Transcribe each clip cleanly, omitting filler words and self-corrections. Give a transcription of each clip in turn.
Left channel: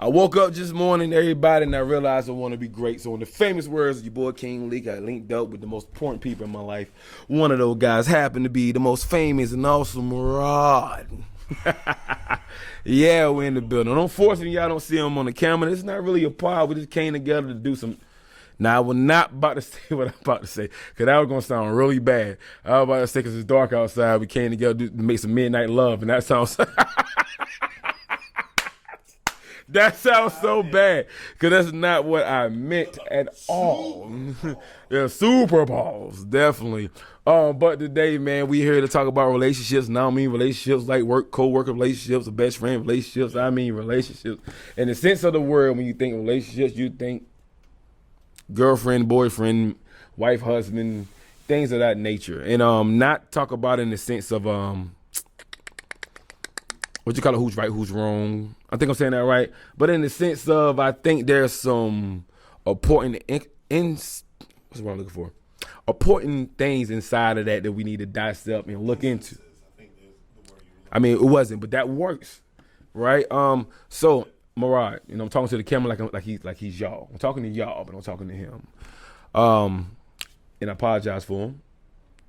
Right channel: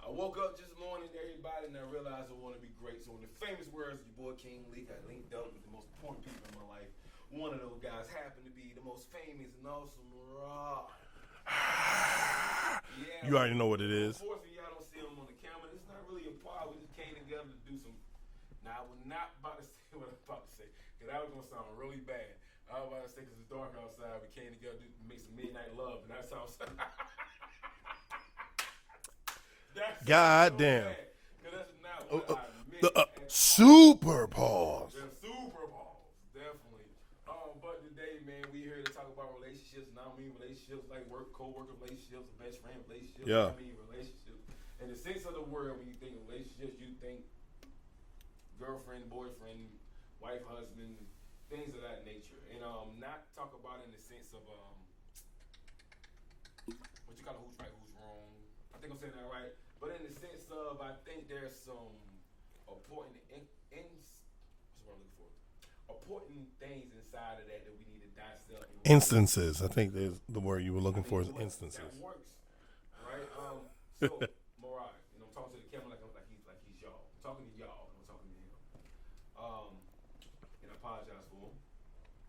I woke up this morning, everybody, and I realized I want to be great. So in the famous words of your boy King Leak, I linked up with the most important people in my life. One of those guys happened to be the most famous and awesome Rod. Yeah, we're in the building. Unfortunately, y'all don't see him on the camera. It's not really a pod. We just came together to do some. Now, I was not about to say what I'm about to say, because that was going to sound really bad. I was about to say, because it's dark outside, we came together to make some midnight love, and that sounds... That sounds so bad, because that's not what I meant at all. Super Balls. Yeah, Super Balls, definitely. But today, man, we here to talk about relationships. And I don't mean relationships like work, co-worker relationships, or best friend relationships. Yeah. I mean relationships. In the sense of the word, when you think relationships, you think girlfriend, boyfriend, wife, husband, things of that nature. And not talk about it in the sense of what you call it, who's right, who's wrong. I think I'm saying that right. But in the sense of, I think there's some important what's what I'm looking for? Important things inside of that we need to dissect and look Instances, into. I think there's the word you were looking for. I mean, it wasn't, but that works, right? So Murad, I'm talking to the camera like he's y'all. I'm talking to y'all, but I'm talking to him. And I apologize for him.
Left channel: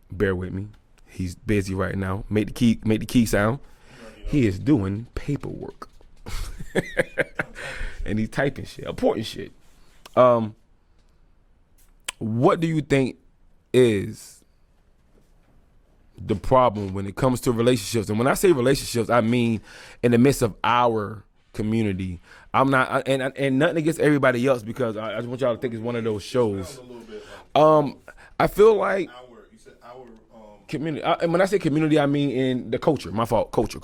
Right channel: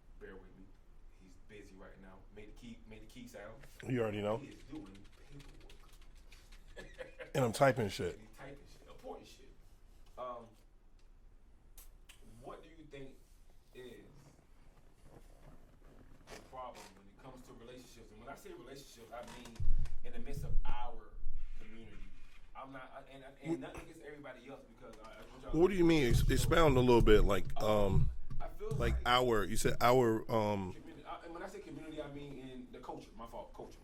Bear with me. He's busy right now. Make the key sound. You already know. He is doing paperwork. And I'm typing shit. And he's typing shit, important shit. What do you think is the problem when it comes to relationships? And when I say relationships, I mean in the midst of our community. I'm not, and nothing against everybody else, because I just want y'all to think it's one of those shows. Expound a little bit, like I feel like you said our community. And when I say community, I mean in the culture. My fault, culture.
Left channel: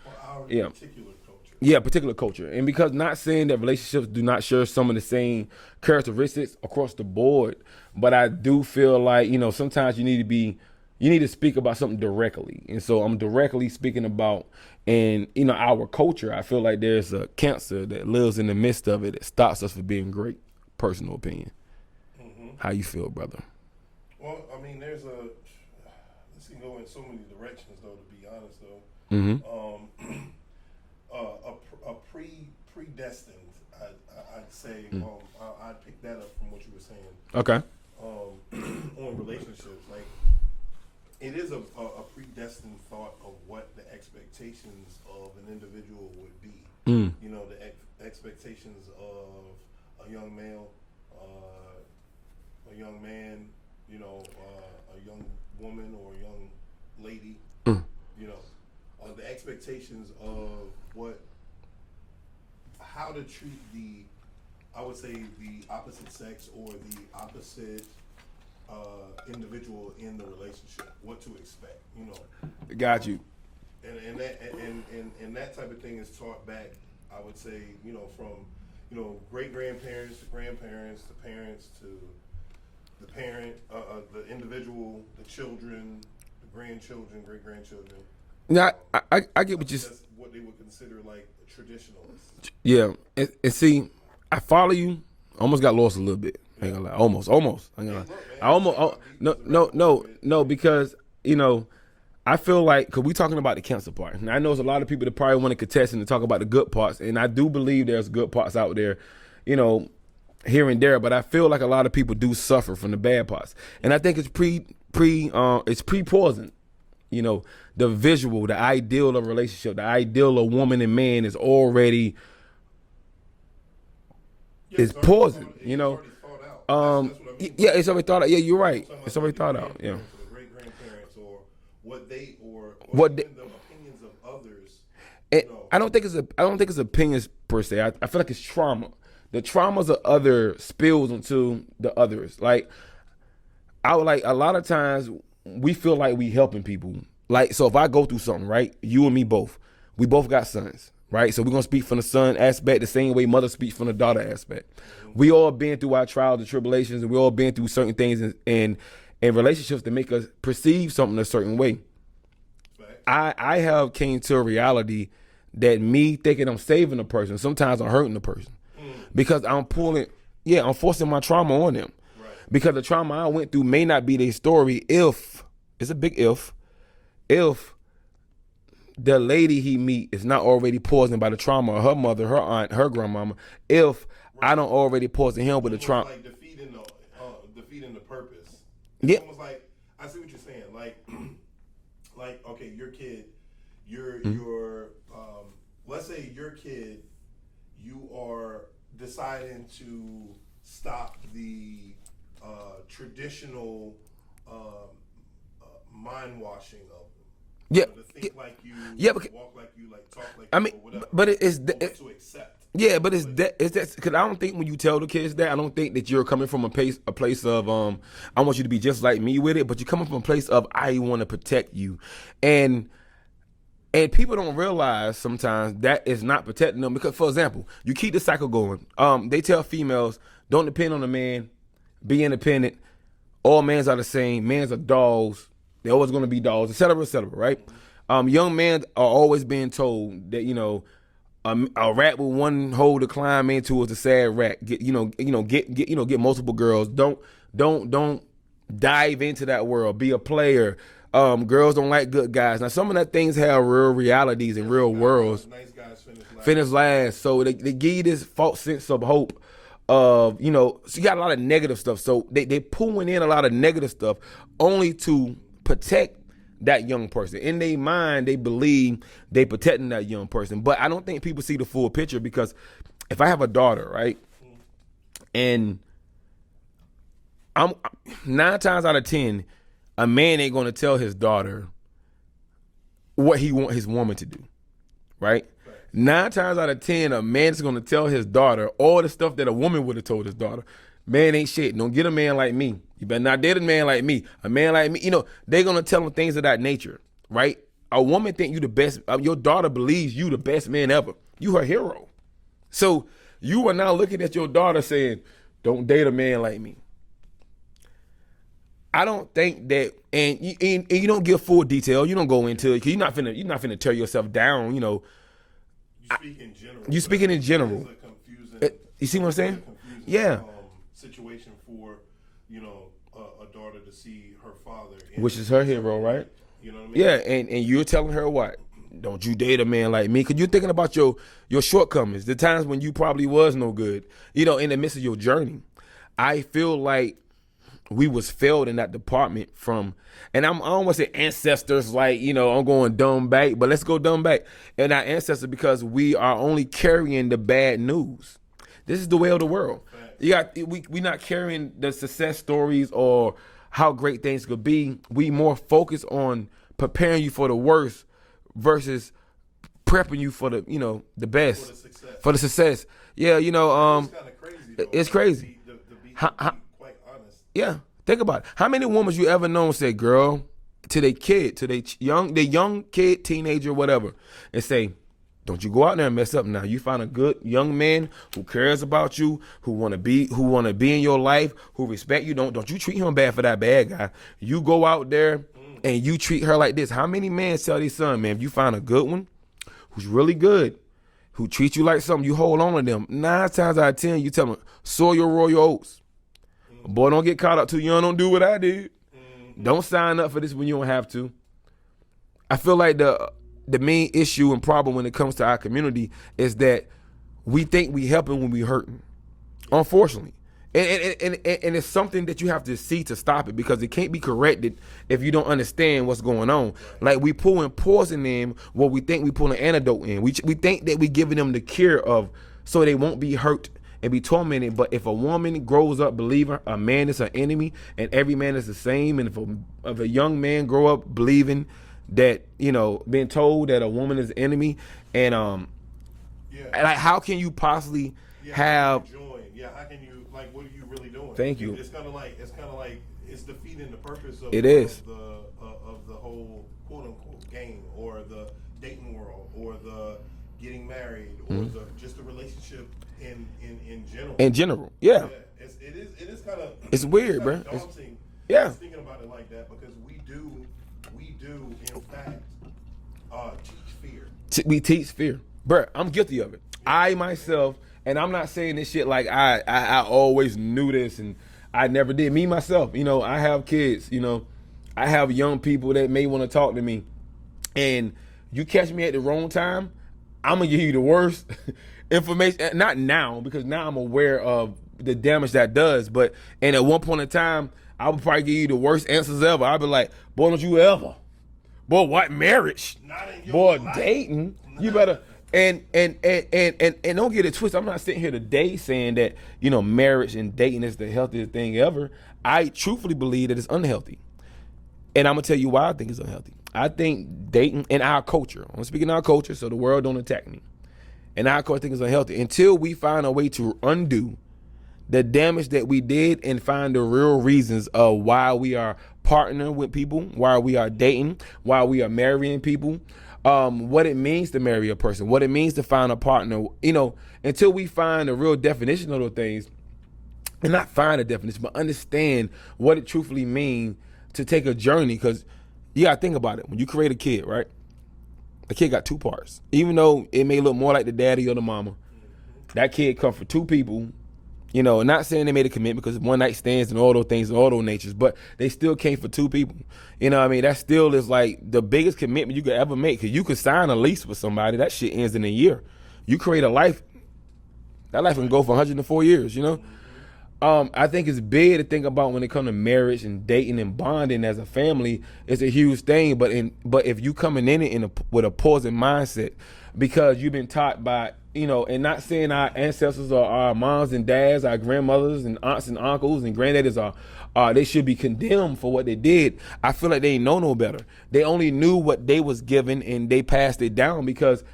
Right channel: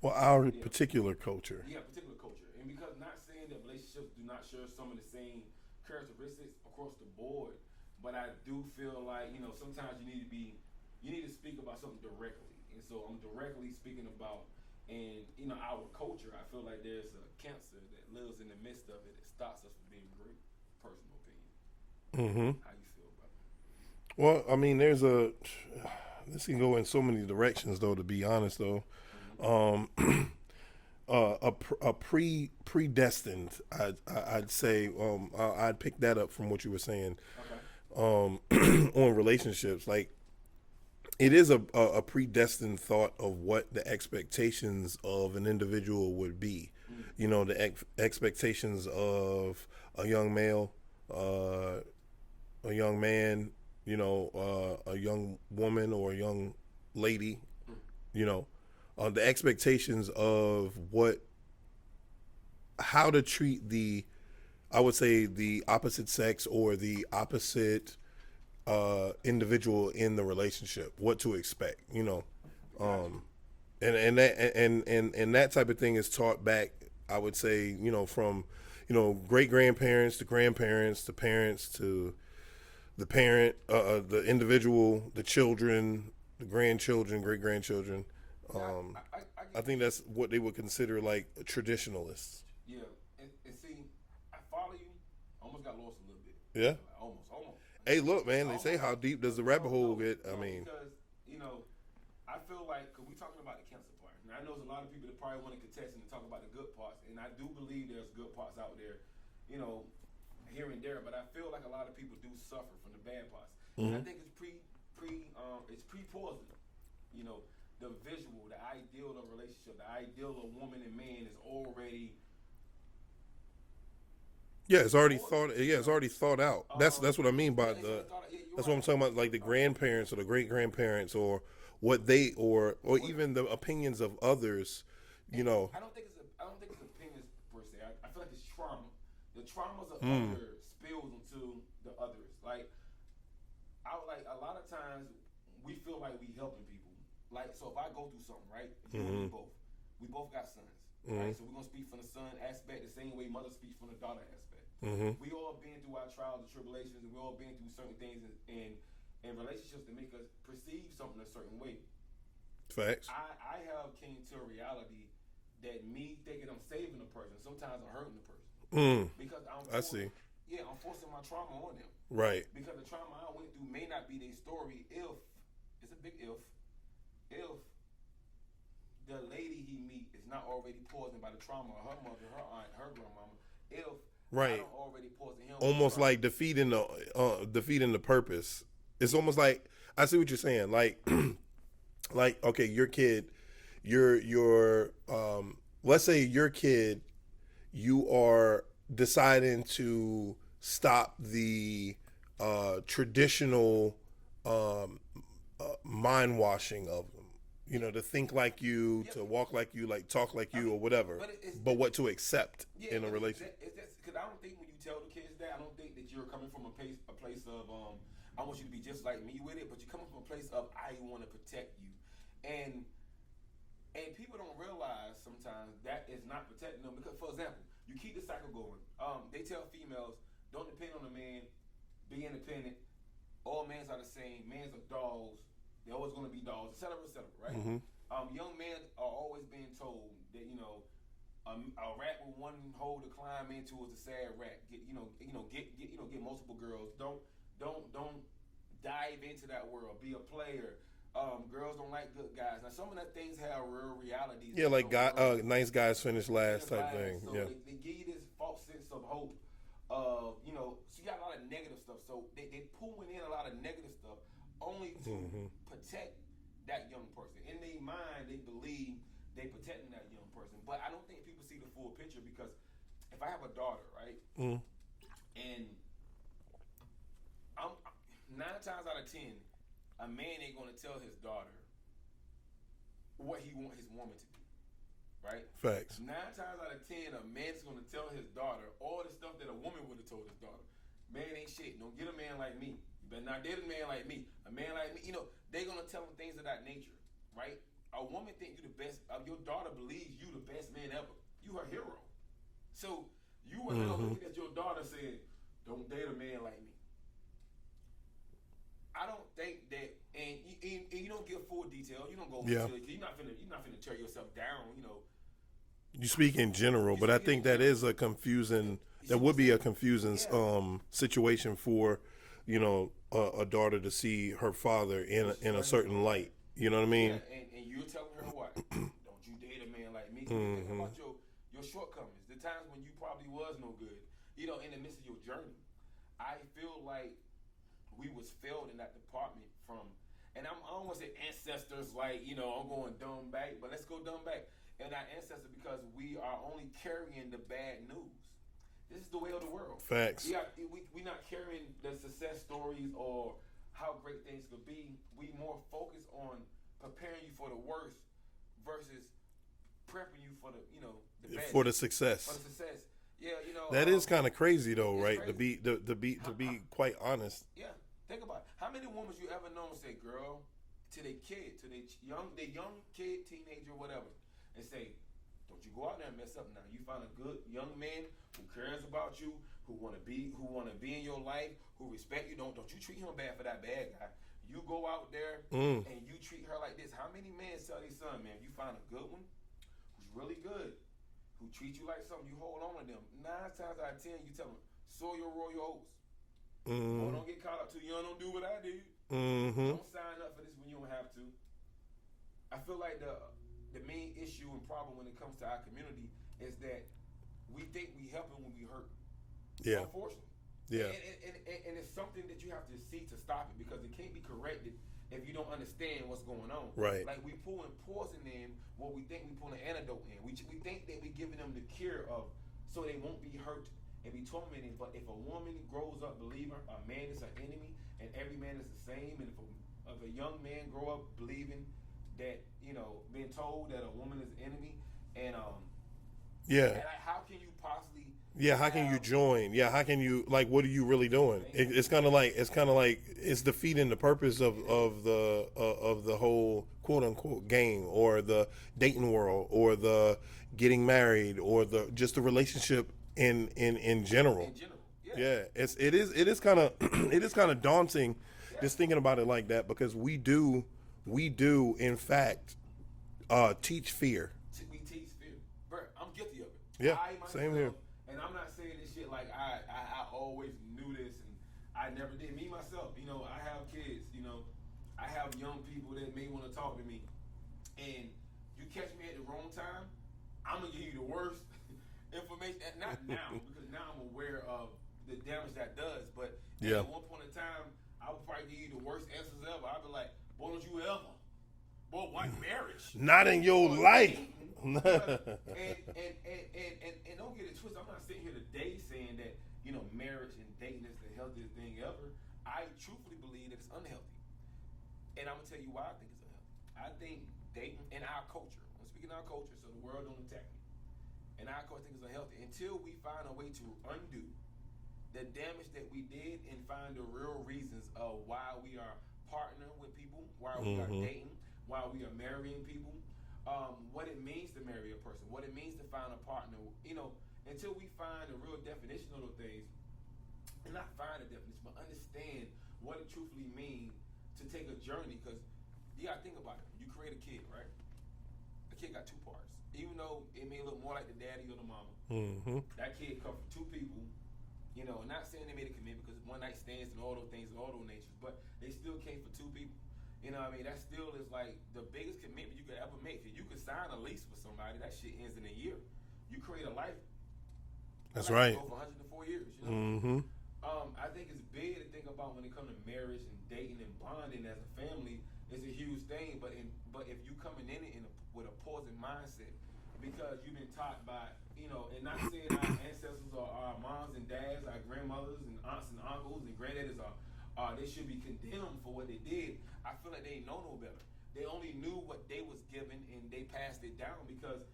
Well, our particular culture. Yeah, particular culture. And because not saying that relationships do not share some of the same characteristics across the board, but I do feel like, sometimes you need to speak about something directly. And so I'm directly speaking about, and our culture, I feel like there's a cancer that lives in the midst of it that stops us from being great. Personal opinion. Mm-hmm. How you feel, brother? Well, I mean, this can go in so many directions, though, to be honest, though. Mm-hmm. A predestined, I'd say, I'd pick that up from what you were saying. Okay. On relationships, like, it is a predestined thought of what the expectations of an individual would be. The expectations of a young male, a young man, a young woman or a young lady, the expectations of how to treat I would say the opposite sex or the opposite individual in the relationship, what to expect, Got you. And that type of thing is taught back, I would say, from great grandparents to grandparents to parents to the parent, the individual, the children, the grandchildren, great grandchildren. Now I get what I think that's what they would consider like traditionalists. Yeah, and see, I follow you. Almost got lost a little bit. Yeah. Almost. Hey, look, man. I almost. Because I feel like, because we talking about the cancer part, and I know there's a lot of people that probably want to contest and to talk about the good parts, and I do believe there's good parts out there, here and there. But I feel like a lot of people do suffer from the bad parts, and I think it's pre-poisoned. The visual, the ideal of a relationship, the ideal of woman and man is already. Yeah, it's already thought out. That's what I mean by it. Yeah, it's already thought out. Yeah, you're right. I'm talking about, it's already the thought grandparents out. Or the great grandparents, or what they or even the opinions of others. I don't think it's opinions per se. I feel like it's trauma. The traumas of other spills into the others. Like a lot of times we feel like we helping people. Like, so if I go through something, right? You and me both. We both got sons. Right, so we're gonna speak from the son aspect the same way mother speaks from the daughter aspect. Mm-hmm. We all been through our trials and tribulations, and we all been through certain things in relationships that make us perceive something a certain way. Facts. I have came to a reality that me thinking I'm saving a person, sometimes I'm hurting the person because I'm forcing my trauma on them. Right. Because the trauma I went through may not be their story if it's a big if the lady he meet is not already poisoned by the trauma of her mother, her aunt, her grandmama, if I don't already poison him with the trauma. Almost like defeating the purpose. It's almost like, I see what you're saying. Like, okay, your kid, your let's say your kid, you are deciding to stop the traditional mind washing of them. You know, to think like you, to walk like you, like talk like you, or whatever. But it's what to accept. Yeah, but it's that because I don't think when you tell the kids that, I don't think that you're coming from a place of I want you to be just like me with it, but you're coming from a place of I want to protect you, and people don't realize sometimes that is not protecting them because, for example, you keep the cycle going. They tell females don't depend on a man, be independent. All mans are the same. Mans are dogs. They're always going to be dogs, et cetera, right? Mm-hmm. Young men are always being told that, you know, a rat with one hole to climb into is a sad rat. Get multiple girls. Don't dive into that world. Be a player. Girls don't like good guys. Now, some of that things have real realities and real worlds. Nice guys finish last. So they give you this false sense of hope of, you know, so you got a lot of negative stuff. So they pulling in a lot of negative stuff only to protect that young person. In their mind, they believe they protecting that young person. But I don't think people see the full picture, because if I have a daughter, right, and I'm 9 times out of 10, a man ain't going to tell his daughter what he want his woman to do, right? Facts. 9 times out of 10, a man is going to tell his daughter all the stuff that a woman would have told his daughter. Man ain't shit. Don't get a man like me. You better not date a man like me. A man like me, you know, they're going to tell him things of that nature, right? A woman think you the best. Your daughter believes you the best man ever. You her hero. So you are now looking at your daughter saying, don't date a man like me. I don't think that, and you don't give full detail. You don't go into it, because you're not finna tear yourself down. You know, you speak in general. You speaking in general. That is a confusing. You see what I'm saying? A confusing situation for, you know, a daughter to see her father which is her hero, right? You know what I mean? Yeah, and you're telling her what? Don't you date a man like me? Because you're thinking about your shortcomings, the times when you probably was no good. You know, in the midst of your journey, I feel like we was failed in that department from, and I don't want to say ancestors, like, you know, I'm going dumb back, but let's go dumb back. And our ancestors, because we are only carrying the bad news. This is the way of the world. Facts. We not carrying the success stories or how great things could be. We more focus on preparing you for the worst versus prepping you for the, you know, the best. For the success. For the success. Yeah, you know. It's kind of crazy, though. It's crazy. To be quite honest. Yeah. Think about it. How many women you ever known say, girl, to their kid, to their young kid, teenager, whatever, and say, don't you go out there and mess up now. You find a good young man who cares about you, who wanna be in your life, who respect you. Don't you treat him bad for that bad guy. You go out there and you treat her like this. How many men tell their son, man, if you find a good one who's really good, who treats you like something, you hold on to them. 9 times out of 10, you tell them, sow your royal oats. Boy, don't get caught up too young. Don't do what I did. Don't sign up for this when you don't have to. I feel like the main issue and problem when it comes to our community is that we think we helping when we hurting. Yeah. Unfortunately. Yeah. And it's something that you have to see to stop it, because it can't be corrected if you don't understand what's going on. Right. Like, we pulling poison in what we think we pulling antidote in. We think that we giving them the cure of so they won't be hurt and be tormented. But if a woman grows up believing a man is her enemy and every man is the same, and if a young man grow up believing that, you know, being told that a woman is the enemy, and like, how can you possibly have how can you join? Yeah, how can you, like, what are you really doing? Thank you. It's kind of like it's defeating the purpose of the whole quote unquote game, or the dating world, or the getting married, or just the relationship in general. In general, yeah. It is kind of weird, it's kind man. of daunting. Yeah, just thinking about it like that, because we do in fact teach fear. We teach fear, bro. I'm guilty of it. Yeah, I myself, and I'm not saying this shit like I always knew this and I never did. Me myself, you know, I have kids. You know, I have young people that may want to talk to me, and you catch me at the wrong time, I'm gonna give you the worst information. Not now, because now I'm aware of the damage that does. But and at one point in time, I would probably give you the worst answers ever. I'd be like, boy, don't you ever. Boy, what marriage? Not in your Boy, life. dating. You better and don't get it twisted. I'm not sitting here today saying that, you know, marriage and dating is the healthiest thing ever. I truthfully believe that it's unhealthy. And I'm gonna tell you why I think it's unhealthy. I think dating in our culture, I'm speaking our culture so the world don't attack me. And our culture I think it's unhealthy until we find a way to undo the damage that we did and find the real reasons of why we are partnering with people, why we are dating, why we are marrying people, what it means to marry a person, what it means to find a partner, you know, until we find a real definition of those things, and not find a definition, but understand what it truthfully means to take a journey. Because you gotta think about it. When you create a kid, right? The kid got two parts. Even though it may look more like the daddy or the mama, that kid come from two people. You know, not saying they made a commitment because one night stands and all those things and all those natures, but they still came for two people. You know what I mean? That still is like the biggest commitment you could ever make, because you could sign a lease with somebody. That shit ends in a year. You create a life. That life can go for 104 years, you know? I think it's big to think about when it comes to marriage and dating and bonding as a family. It's a huge thing, but if you coming in it with a poison mindset, because you've been taught by, you know, and not saying our ancestors or our moms and dads, our grandmothers and aunts and uncles and granddaddies are they should be condemned for what they did. I feel like they ain't know no better. They only knew what they was given and they passed it down, because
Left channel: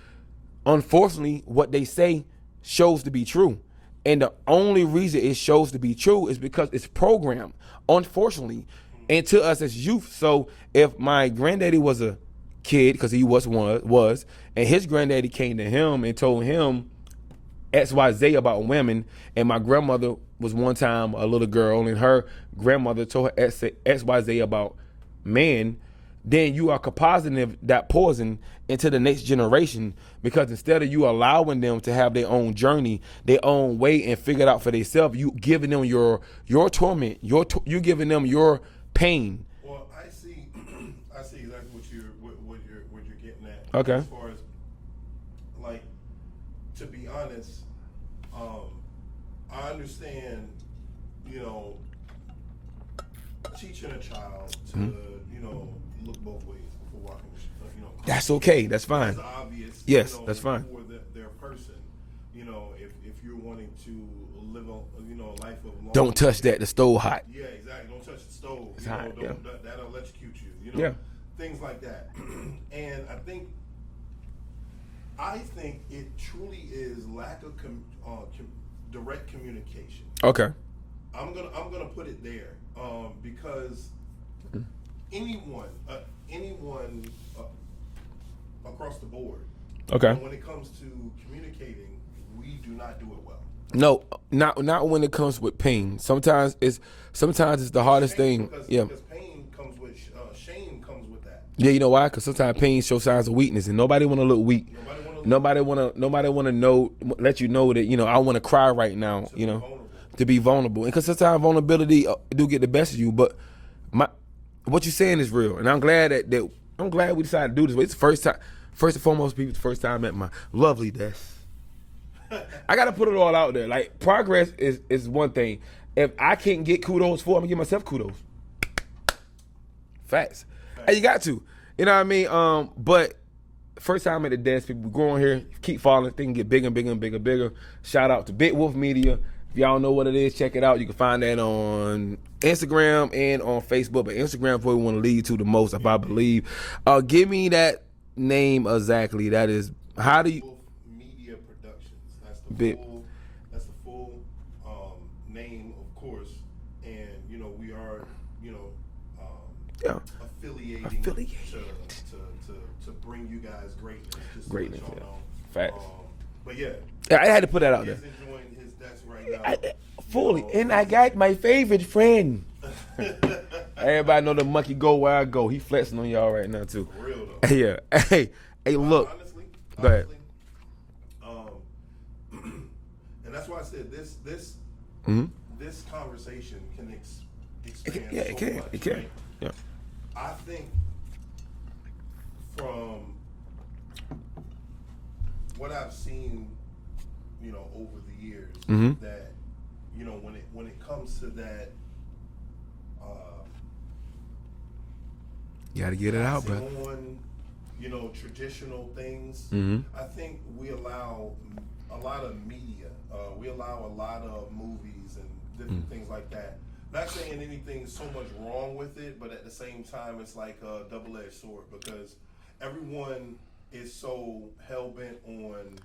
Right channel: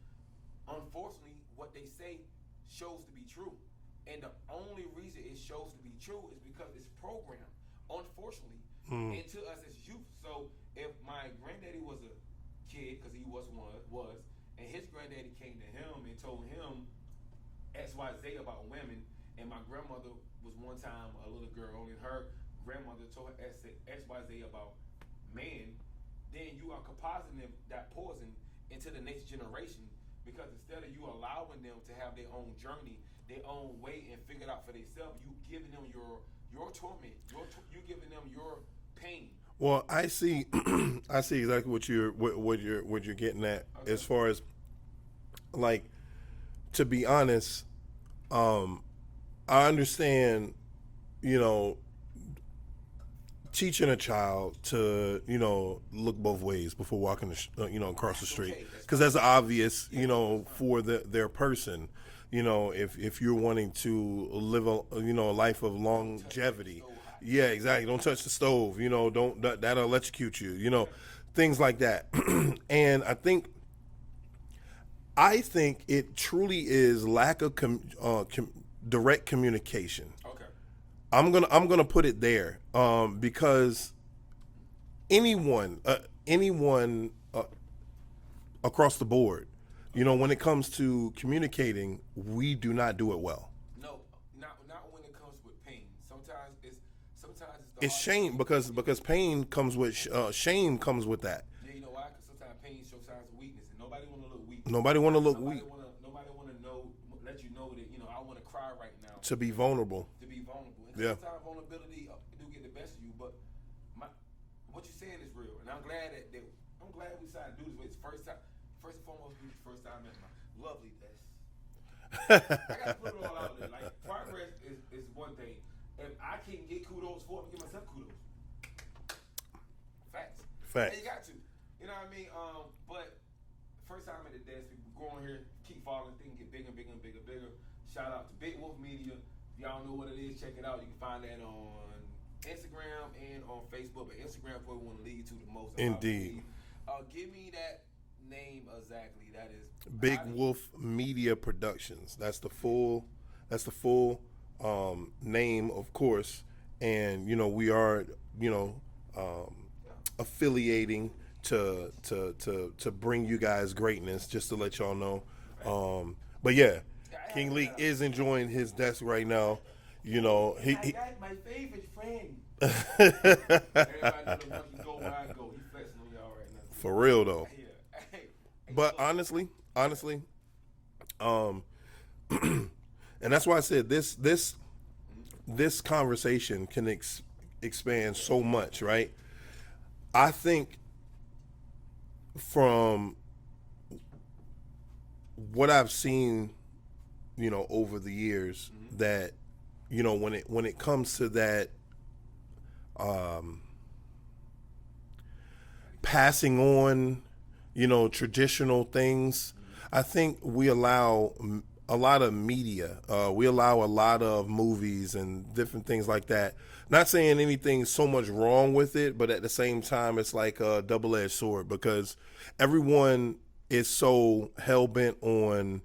unfortunately what they say shows to be true. And the only reason it shows to be true is because it's programmed, unfortunately, into us as youth. So if my granddaddy was a kid, because he was, and his granddaddy came to him and told him XYZ about women, and my grandmother was one time a little girl and her grandmother told her XYZ about men, then you are compositing that poison into the next generation, because instead of you allowing them to have their own journey, their own way, and figure it out for themselves, you giving them your torment, you giving them your pain. Well, I see exactly what you're getting at. Okay. As far as, like, to be honest, I understand, you know, teaching a child to, you know, look both ways before walking across That's the street. okay. That's fine. That's obvious. Yes, you know, that's fine. for their person. You know, if you're wanting to live a life of long, Don't touch that. The stove hot. Yeah, exactly. Don't touch the stove. You know, that'll electrocute you. You know, Yeah. things like that. And I think it truly is lack of direct communication. Okay. I'm gonna put it there, because anyone across the board, Okay. you know, when it comes to communicating, we do not do it well. No, not when it comes with pain. Sometimes it's the hardest shame, thing. because pain comes with shame comes with that. Yeah, you know why? Because sometimes pain shows signs of weakness, and nobody want to look weak. Nobody want to look. Nobody want to know. Let you know that, you know, I want to cry right now. To you be know, vulnerable. To be vulnerable, and because sometimes vulnerability do get the best of you. But what you're saying is real, and I'm glad that we decided to do this. It's the first time. First and foremost, people, the first time I met my lovely Des. I gotta put it all out there. Like, progress is one thing. If I can't get kudos for it, I'm gonna give myself kudos. Facts. Hey, you got to. You know what I mean? But first time at the desk, people growing here, keep following, they can get bigger and bigger and bigger and bigger. Shout out to Big Wolf Media. If y'all know what it is, check it out. You can find that on Instagram and on Facebook. But Instagram is where we want to lead to the most, if I believe. Give me that name exactly. That is Big Wolf Media Productions. That's the full name, of course. And, you know, we are, you know, affiliating to bring you guys greatness, just to let y'all know. Facts. But yeah, I had to put that out. He is enjoying his desk right now. I got my favorite friend. Everybody know the monkey go where I go. He flexing on y'all right now too. For real though. Yeah. Hey, but look. Honestly, and that's why I said this conversation can expand so much, right? Yeah. I think from what I've seen, over the years, that, when it comes to that, You gotta get passing it out, on, traditional things, I think we allow a lot of media. We allow a lot of movies and different things like that. Not saying anything so much wrong with it, but at the same time, it's like a double-edged sword because everyone is so hell-bent on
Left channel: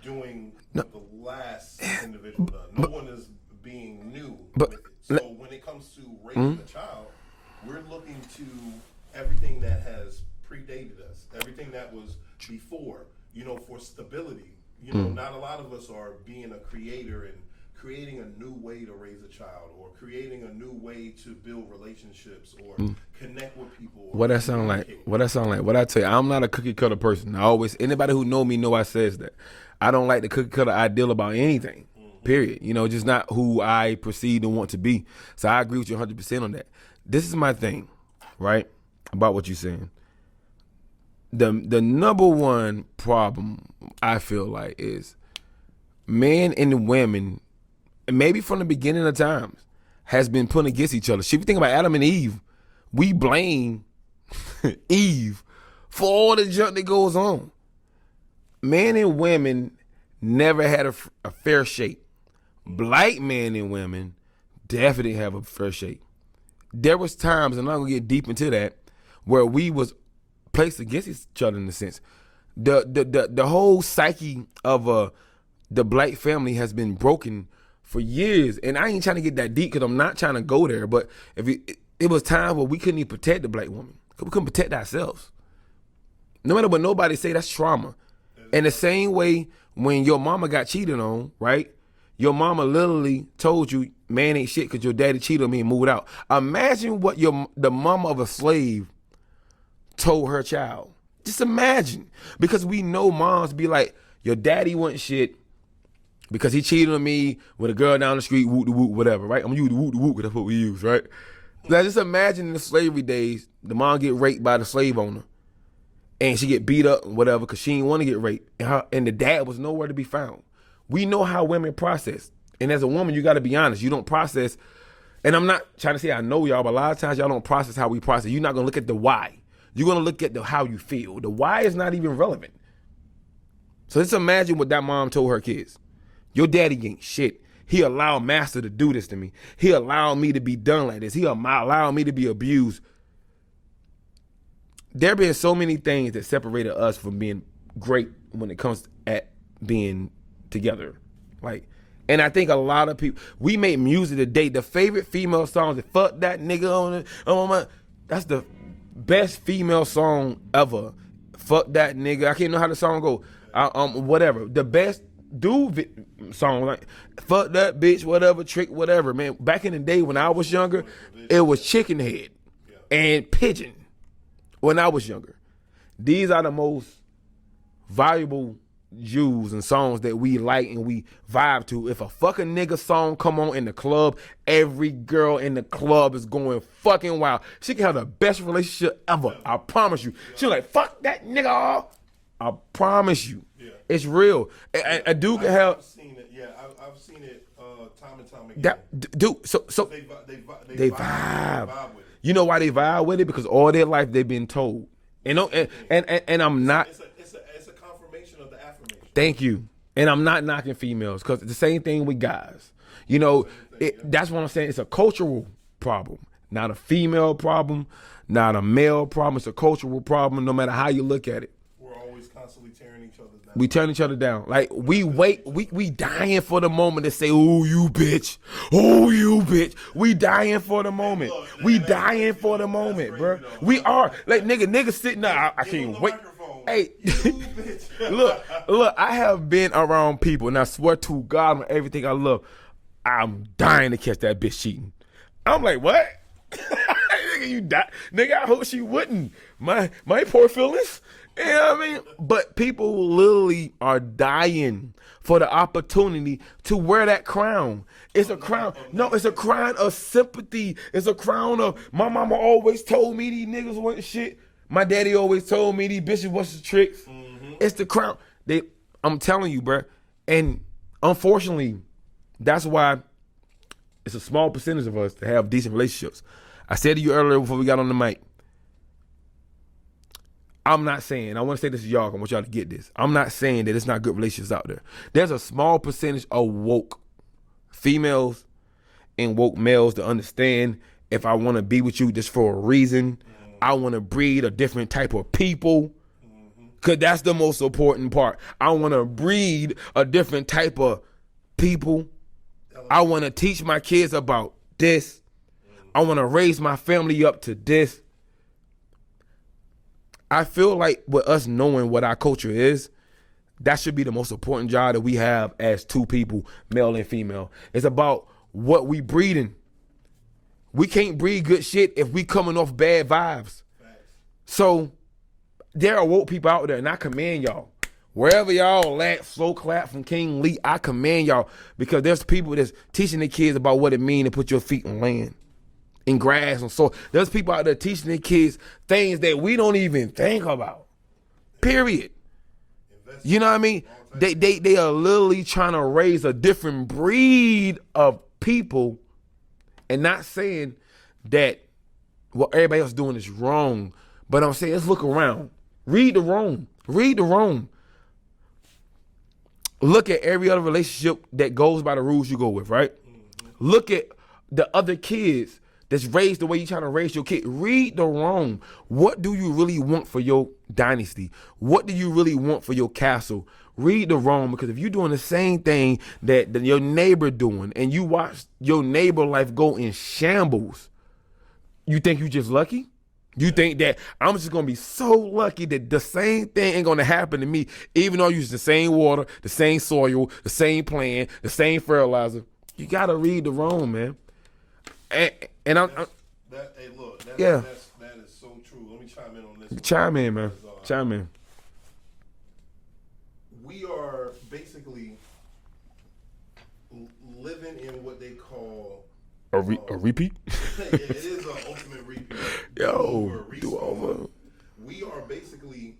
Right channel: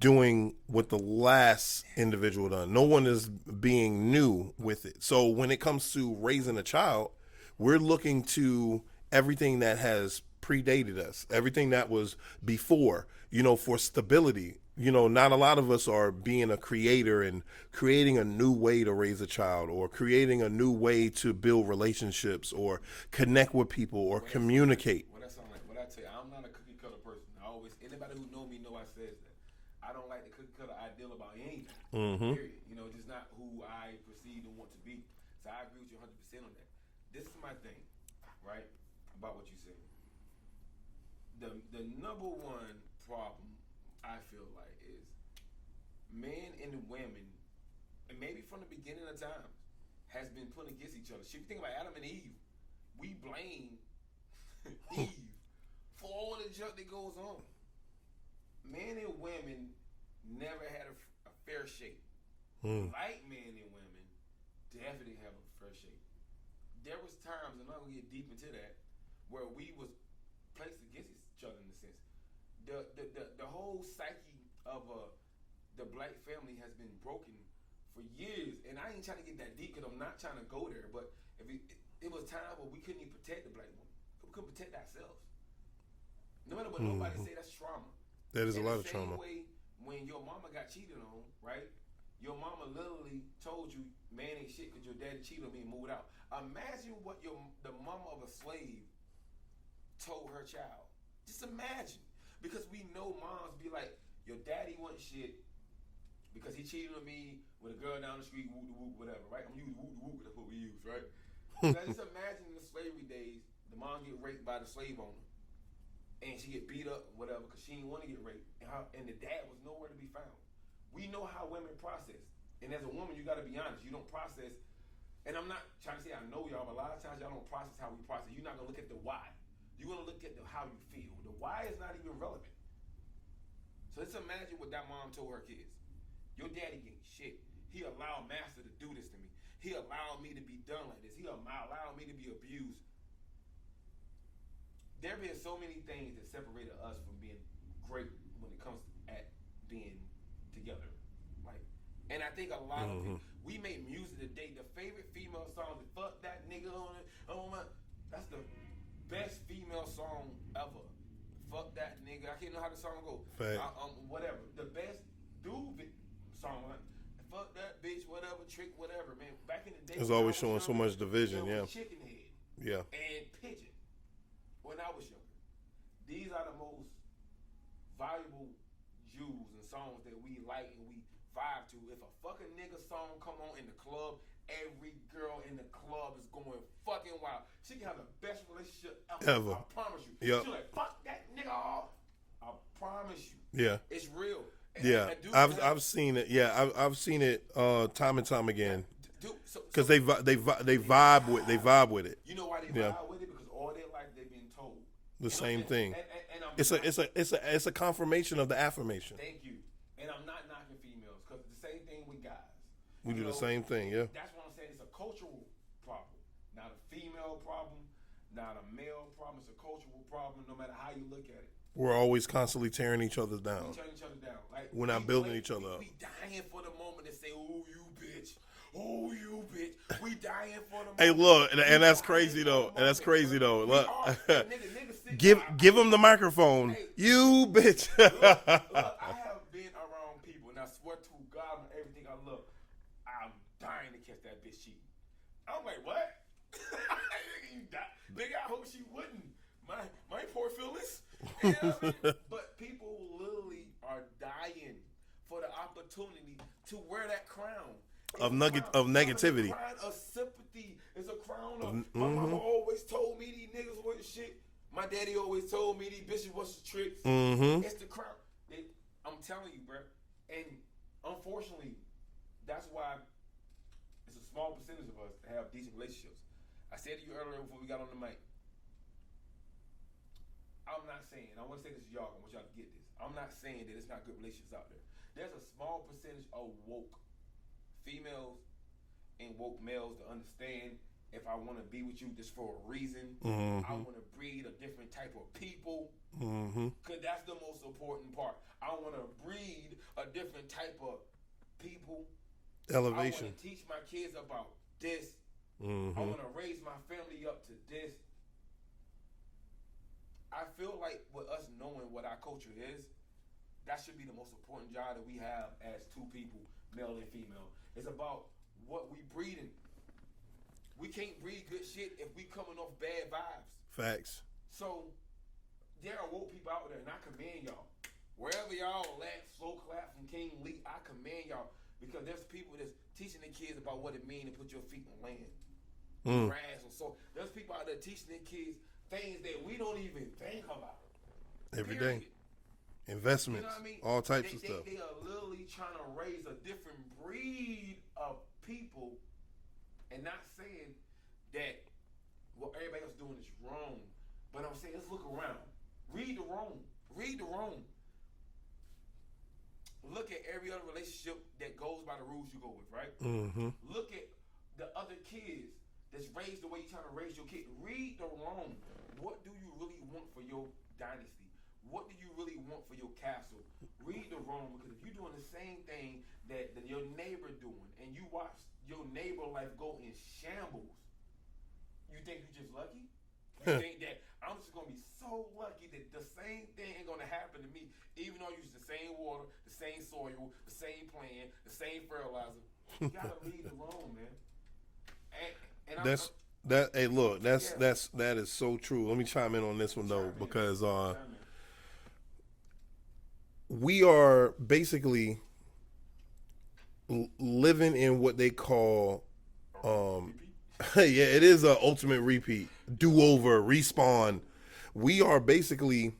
doing what the last individual done. No one is being new with it. So when it comes to raising a child, we're looking to everything that has predated us, everything that was before, for stability. Not a lot of us are being a creator and creating a new way to raise a child or creating a new way to build relationships or connect with people or communicate. What that sound like? What I tell you, I'm not a cookie cutter person. Anybody who know me know I says that. I don't like the cookie cutter ideal about anything, period. Just not who I perceive and want to be. So I agree with you 100% on that. This is my thing, right, about what you're saying. The number one problem I feel like is men and women, maybe from the beginning of times, has been put against each other. If you think about Adam and Eve, we blame Eve for all the junk that goes on. Men and women never had a fair shake. Black men and women definitely have a fair shake. There was times, and I'm gonna get deep into that, where we was placed against each other in a sense. The whole psyche of the black family has been broken for years, and I ain't trying to get that deep because I'm not trying to go there. But it was time where we couldn't even protect the black woman. We couldn't protect ourselves. No matter what nobody say, that's trauma. In the same way, when your mama got cheated on, right? Your mama literally told you, man ain't shit because your daddy cheated on me and moved out. Imagine what the mama of a slave told her child. Just imagine. Because we know moms be like, your daddy wasn't shit because he cheated on me with a girl down the street, whoop de whoop, whatever, right? I'm gonna use the whoop de whoop because that's what we use, right? Now just imagine in the slavery days, the mom get raped by the slave owner. And she get beat up and whatever because she didn't want to get raped. And the dad was nowhere to be found. We know how women process. And as a woman, you got to be honest. You don't process. And I'm not trying to say I know y'all, but a lot of times y'all don't process how we process. You're not going to look at the why. You're going to look at how you feel. The why is not even relevant. So just imagine what that mom told her kids. Your daddy ain't shit. He allowed master to do this to me. He allowed me to be done like this. He allowed me to be abused. There been so many things that separated us from being great when it comes at being together. And I think a lot of people, we make music today. The favorite female songs is fuck that nigga on it. Oh my, that's the best female song ever. Fuck that nigga. I can't know how the song go. Whatever. The best dude song, like fuck that bitch, whatever, trick, whatever, man. Back in the day when I was younger, it was Chicken Head and Pigeon. When I was younger, these are the most valuable jewels and songs that we like and we vibe to. If a fucking nigga song come on in the club, every girl in the club is going fucking wild. She can have the best relationship ever. I promise you. She's like, fuck that nigga. I promise you. Yeah. It's real. A dude can have. I've seen it. Yeah, I've seen it time and time again. Dude, so they vibe with it. You know why they vibe with it? Because all their life they've been told. And it's a confirmation of the affirmation. Thank you. And I'm not knocking females because it's the same thing with guys. Same thing, that's what I'm saying. It's a cultural problem, not a female problem, not a male problem. It's a cultural problem. No matter how you look at it. We're always constantly tearing each other down. We turn each other down. Like we dying for the moment to say, "Oh you bitch, oh you bitch." We dying for the moment. Hey, look, we dying for the moment. That's crazy though. We are like niggas sitting there. Give him the microphone. Hey, you bitch. look. I have been around people, and I swear to God, on everything I love, I'm dying to catch that bitch cheating. I'm like, what? Nigga, you die, nigga. I hope she wouldn't. My poor feelings. You know what I mean? But people literally are dying for the opportunity to wear that crown. It's a crown. No, it's a crown of sympathy. It's a crown of my mama always told me these niggas wasn't shit. My daddy always told me these bitches wasn't tricks. It's the crown. I'm telling you, bro. And unfortunately, that's why it's a small percentage of us to have decent relationships. I said to you earlier before we got on the mic, I'm not saying, I want to say this to y'all, I want y'all to get this. I'm not saying that it's not good relationships out there. There's a small percentage of woke females and woke males to understand if I want to be with you just for a reason, I want to breed a different type of people, because that's the most important part. I want to breed a different type of people. Elevation. I want to teach my kids about this. I want to raise my family up to this. I feel like with us knowing what our culture is, that should be the most important job that we have as two people, male and female. It's about what we breeding. We can't breed good shit if we coming off bad vibes. Facts. So there are woke people out there, and I commend y'all. Wherever y'all at, slow clap from King Lee, I commend y'all, because there's people that's teaching their kids about what it means to put your feet on land, in grass and soil. There's people out there teaching their kids things that we don't even think about. Period. Investment. You know what I mean? They are literally trying to raise a different breed of people, and not saying that what everybody else is doing is wrong, but I'm saying let's look around. Read the room. Read the room. Look at every other relationship that goes by the rules you go with, right? Look at the other kids that's raised the way you're trying to raise your kid. Read the room. What do you really want for your dynasty? What do you really want for your castle? Read the room, because if you're doing the same thing that your neighbor doing, and you watch your neighbor life go in shambles, you think you just lucky? You think that I'm just gonna be so lucky that the same thing ain't gonna happen to me, even though I use the same water, the same soil, the same plant, the same fertilizer. You gotta read the room, man. And that is so true. Let me chime in on this one. Chime in, man. Chime in. We are basically living in what they call a repeat. Yeah, it is an ultimate repeat. Do-over, respawn. We are basically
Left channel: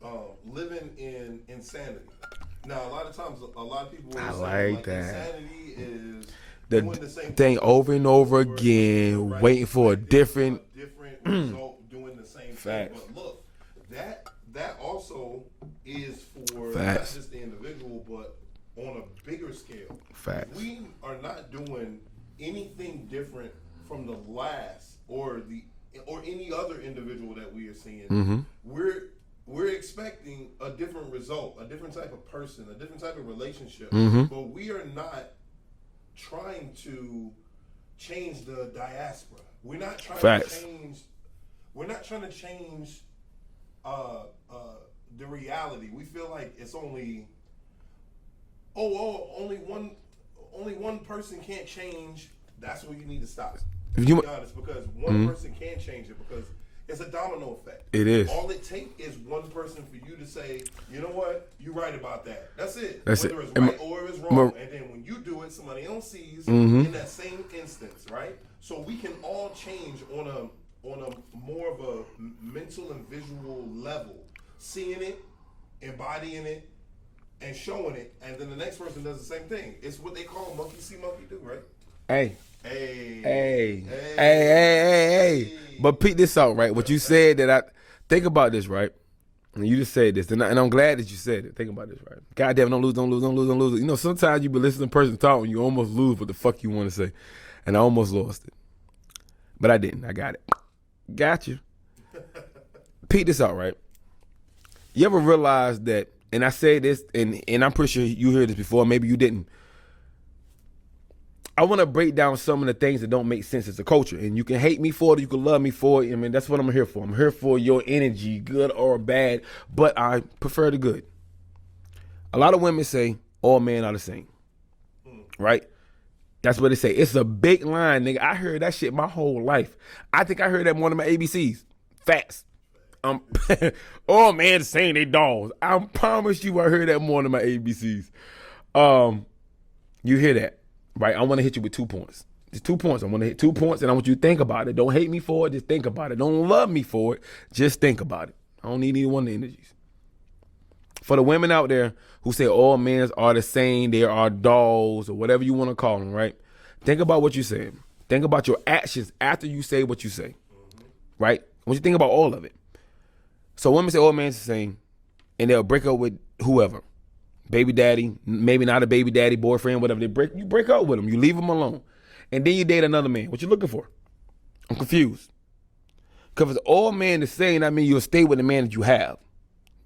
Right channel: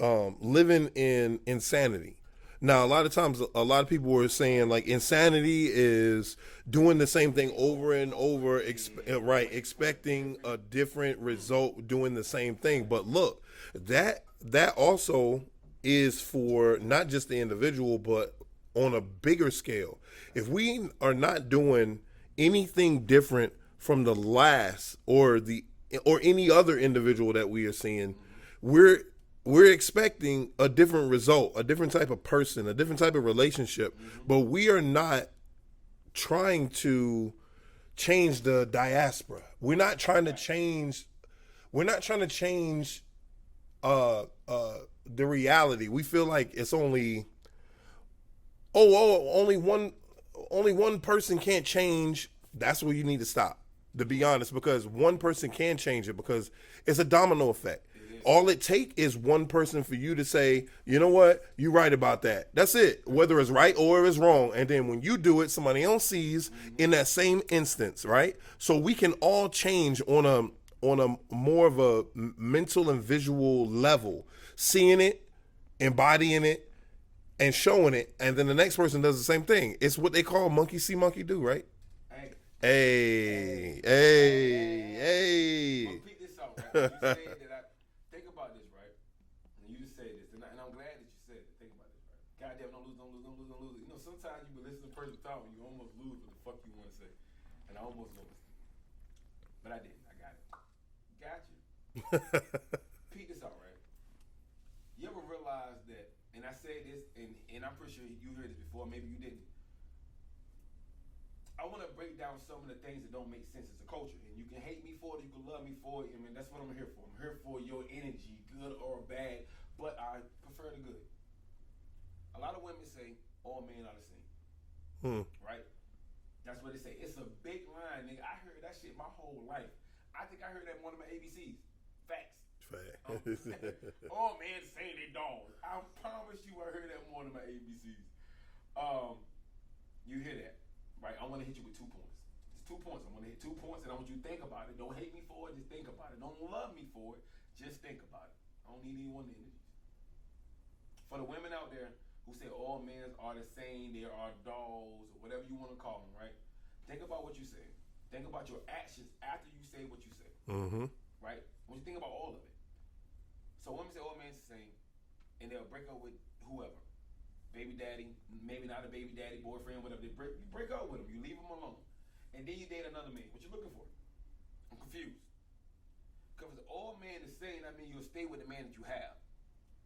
living in insanity. Now, a lot of times, a lot of people were saying like insanity is doing the same thing over and over again, right, waiting for a different result, doing the same thing. But look, that also is for not just the individual, but on a bigger scale. If we are not doing anything different from the last or any other individual that we are seeing, we're expecting a different result, a different type of person, a different type of relationship. But we are not trying to change the diaspora. We're not trying to change. We're not trying to change the reality. We feel like it's only only one person can't change. That's where you need to stop. To be honest, because one person can change it, because it's a domino effect. It is. All it takes is one person for you to say, you know what, you're right about that. That's it. Whether it's right or it's wrong. And then when you do it, somebody else sees in that same instance, right? So we can all change on a more of a mental and visual level, seeing it, embodying it, and showing it, and then the next person does the same thing. It's what they call monkey see, monkey do, right? Hey. Hey. But peep this out, right? What you said that I think about this, right? And you just said this, and I'm glad that you said it. Think about this, right? Goddamn, don't lose. You know, sometimes you be listening to a person talk and you almost lose what the fuck you want to say. And I almost lost it. But I didn't. I got it. Got you. Peep this out, right? You ever realize that, and I say this, and I'm pretty sure you heard this before, maybe you didn't. I want to break down some of the things that don't make sense as a culture. And you can hate me for it, you can love me for it. I mean, that's what I'm here for. I'm here for your energy, good or bad, but I prefer the good. A lot of women say, all men are the same, right? That's what they say. It's a big line, nigga. I heard that shit my whole life. I think I heard that more than my ABCs. Facts. All men saying they dogs. I promise you I heard that more than my ABCs. You hear that, right? I want to hit you with 2 points. Just 2 points. I want to hit 2 points, and I want you to think about it. Don't hate me for it. Just think about it. Don't love me for it. Just think about it. I don't need either one of the energies. For the women out there who say all men are the same, they are dolls or whatever you want to call them, right? Think about what you said. Think about your actions after you say what you say, right? When you think about all of it. So women say all men are the same, and they'll break up with whoever. Baby daddy, maybe not a baby daddy, boyfriend, whatever. You break up with them. You leave them alone. And then you date another man. What you looking for? I'm confused. Because if all men the same, I mean you'll stay with the man that you have.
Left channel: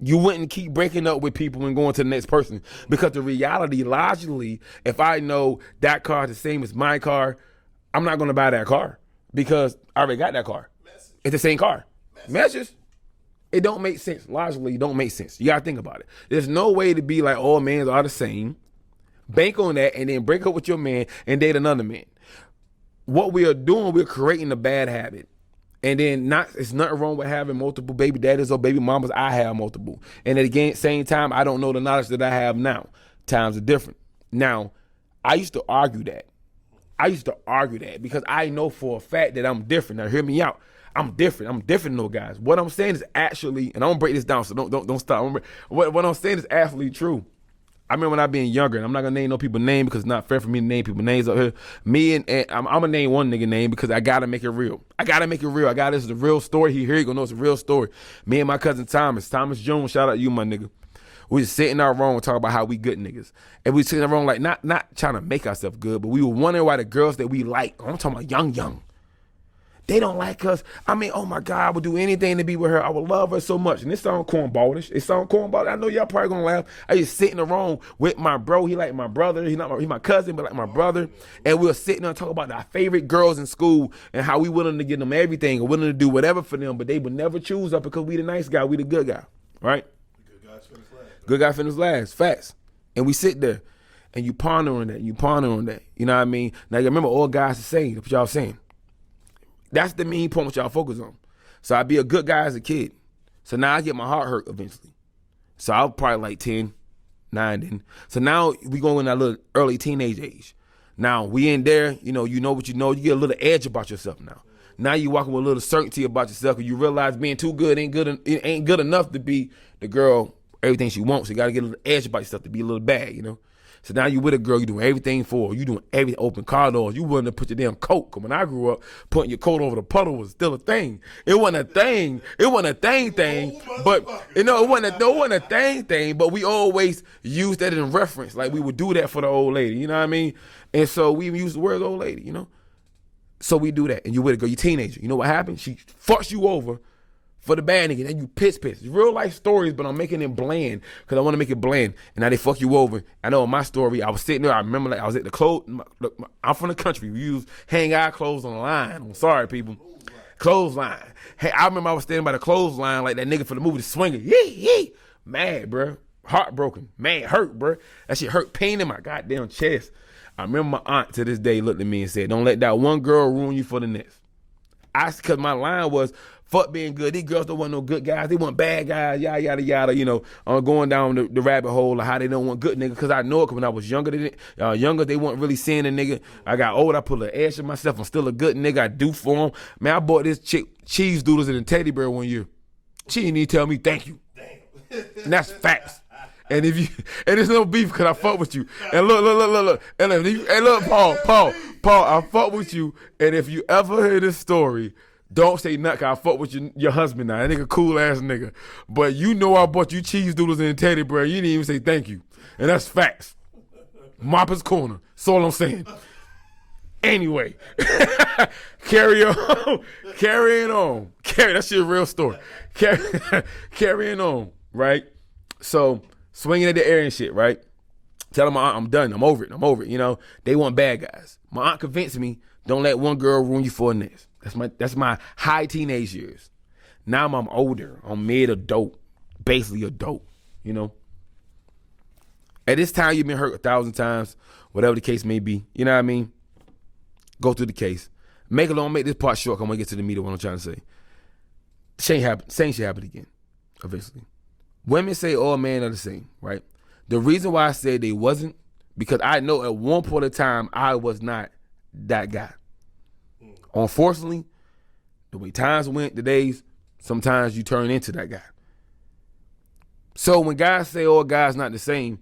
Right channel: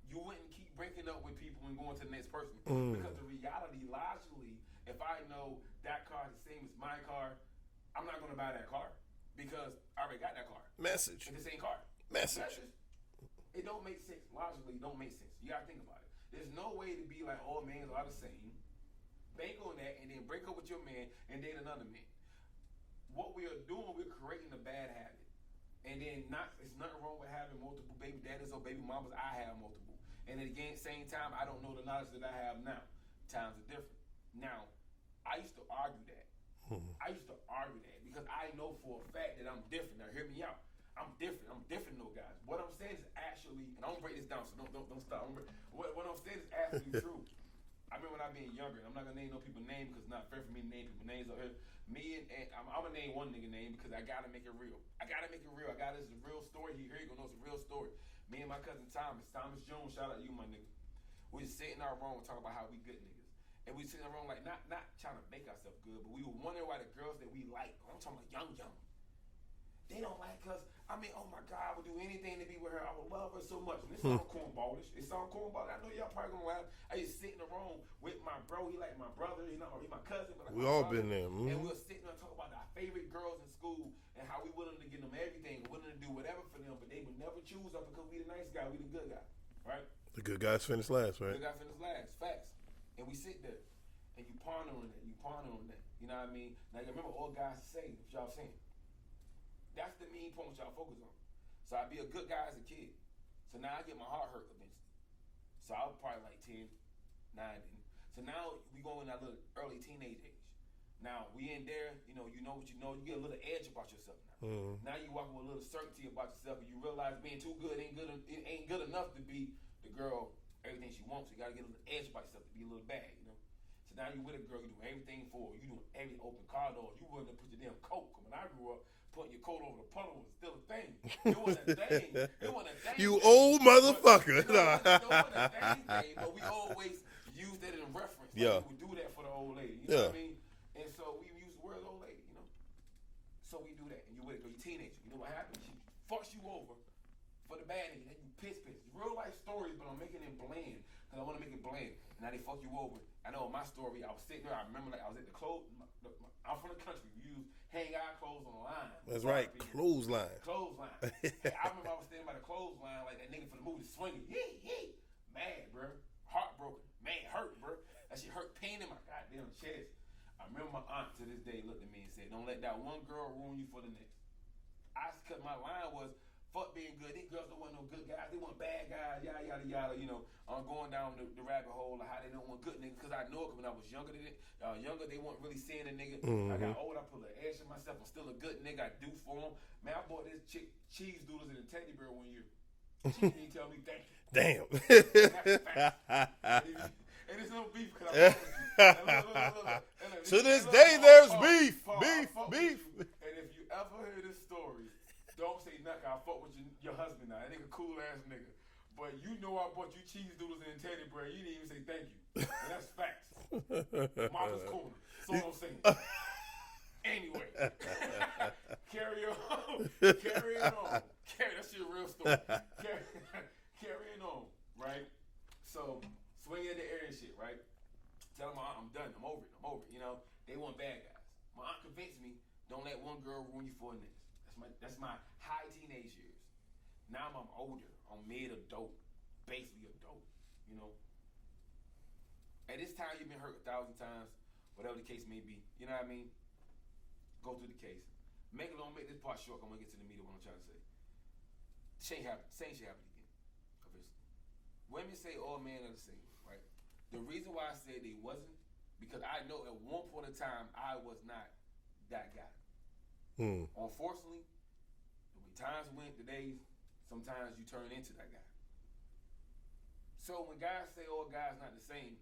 You wouldn't keep breaking up with people and going to the next person. Because the reality, logically, if I know that car is the same as my car, I'm not going to buy that car. Because I already got that car. Message. It's the same car. Message. It don't make sense. Logically, it don't make sense. You got to think about it. There's no way to be like all men are the same, bank on that, and then break up with your man and date another man. What we are doing, we're creating a bad habit. And then it's nothing wrong with having multiple baby daddies or baby mamas. I have multiple. And at the same time, I don't know the knowledge that I have now. Times are different. Now, I used to argue that. Because I know for a fact that I'm different. Now, hear me out. I'm different. I'm different than those guys. What I'm saying is actually, and I'm gonna break this down, so don't stop. What I'm saying is actually true. I remember when I being younger, and I'm not gonna name no people's name because it's not fair for me to name people's names up here. Me and I'm gonna name one nigga name because I gotta make it real. This is a real story. Here you gonna know it's a real story. Me and my cousin Thomas Jones, shout out to you, my nigga. We was sitting in our room and talking about how we good niggas. And we sitting in our room like not trying to make ourselves good, but we were wondering why the girls that we like, I'm talking about young. They don't like us. I mean, oh my God, I would do anything to be with her. I would love her so much. And it sounds cornballish. I know y'all probably gonna laugh. I just sit in the room with my bro. He like my brother. He my cousin, but like my brother. And we were sitting there and talking about our favorite girls in school and how we willing to give them everything and willing to do whatever for them, but they would never choose us because we the nice guy, we the good guy, right? The good guys finish last, right? Good guy finish last, facts. And we sit there and you ponder on that. You know what I mean? Now you remember all guys the same. That's what y'all saying. That's the main point what y'all focus on. So I be a good guy as a kid. So now I get my heart hurt eventually. So I was probably like 10, 9 then. So now we going in that little early teenage age. Now we in there, you know what you know. You get a little edge about yourself now. Now you walking with a little certainty about yourself because you realize being too good ain't good enough to be the girl, everything she wants. So you got to get a little edge about yourself to be a little bad, you know. So now you with a girl, you doing everything for her. You doing everything, open car doors. You willing to put your damn coat. Cause when I grew up, putting your coat over the puddle was still a thing. It wasn't a thing. It wasn't a thing. Old motherfucker. But it wasn't a thing. But we always used that in reference. Like we would do that for the old lady. You know what I mean? And so we use the word old lady. You know. So we do that, and you with a girl, you teenager. You know what happened? She fucks you over for the bad nigga, and you piss. It's real life stories, but I'm making it bland because I want to make it bland. And now they fuck you over. I know in my story, I was sitting there. I remember like I was at the clothes. I'm from the country. We use hang our clothes on the line. I'm sorry, people. Clothesline. Hey, I remember I was standing by the clothesline like that nigga for the movie The Swinger. Yee. Mad, bro. Heartbroken. Man, hurt, bro. That shit hurt. Pain in my goddamn chest. I remember my aunt to this day looked at me and said, "Don't let that one girl ruin you for the next." Because my line was, fuck being good. These girls don't want no good guys. They want bad guys, yada, yada, yada. You know, I'm going down the rabbit hole of how they don't want good niggas. Because I know it, because when I was younger, they weren't really seeing a nigga. I got old, I put a edge in myself. I'm still a good nigga. I do for them. Man, I bought this chick cheese doodles and a teddy bear one year. She didn't even tell me thank you. Damn. And that's facts. And it's no beef because I fuck with you. And look. And look, Paul, I fuck with you. And if you ever hear this story, don't say nothing. 'Cause I fuck with your husband now. That nigga cool ass nigga. But you know I bought you cheese doodles and teddy bear. You didn't even say thank you. And that's facts. Mopper's Corner. That's all I'm saying. Anyway, carrying on. That shit a real story. Carrying on, right? So, swinging at the air and shit, right? Telling my aunt I'm done. I'm over it. You know, they want bad guys. My aunt convinced me, don't let one girl ruin you for the next. That's my high teenage years. Now I'm older. I'm mid-adult, basically adult, you know? At this time, you've been hurt 1,000 times, whatever the case may be. You know what I mean? Go through the case. Make this part short. I'm gonna get to the meat of what I'm trying to say. Same shit happen again, eventually. Women say all men are the same, right? The reason why I said they wasn't, because I know at one point in time I was not that guy. Unfortunately, the way times went, the days, sometimes you turn into that guy. So when guys say, "Oh, guys not the same,"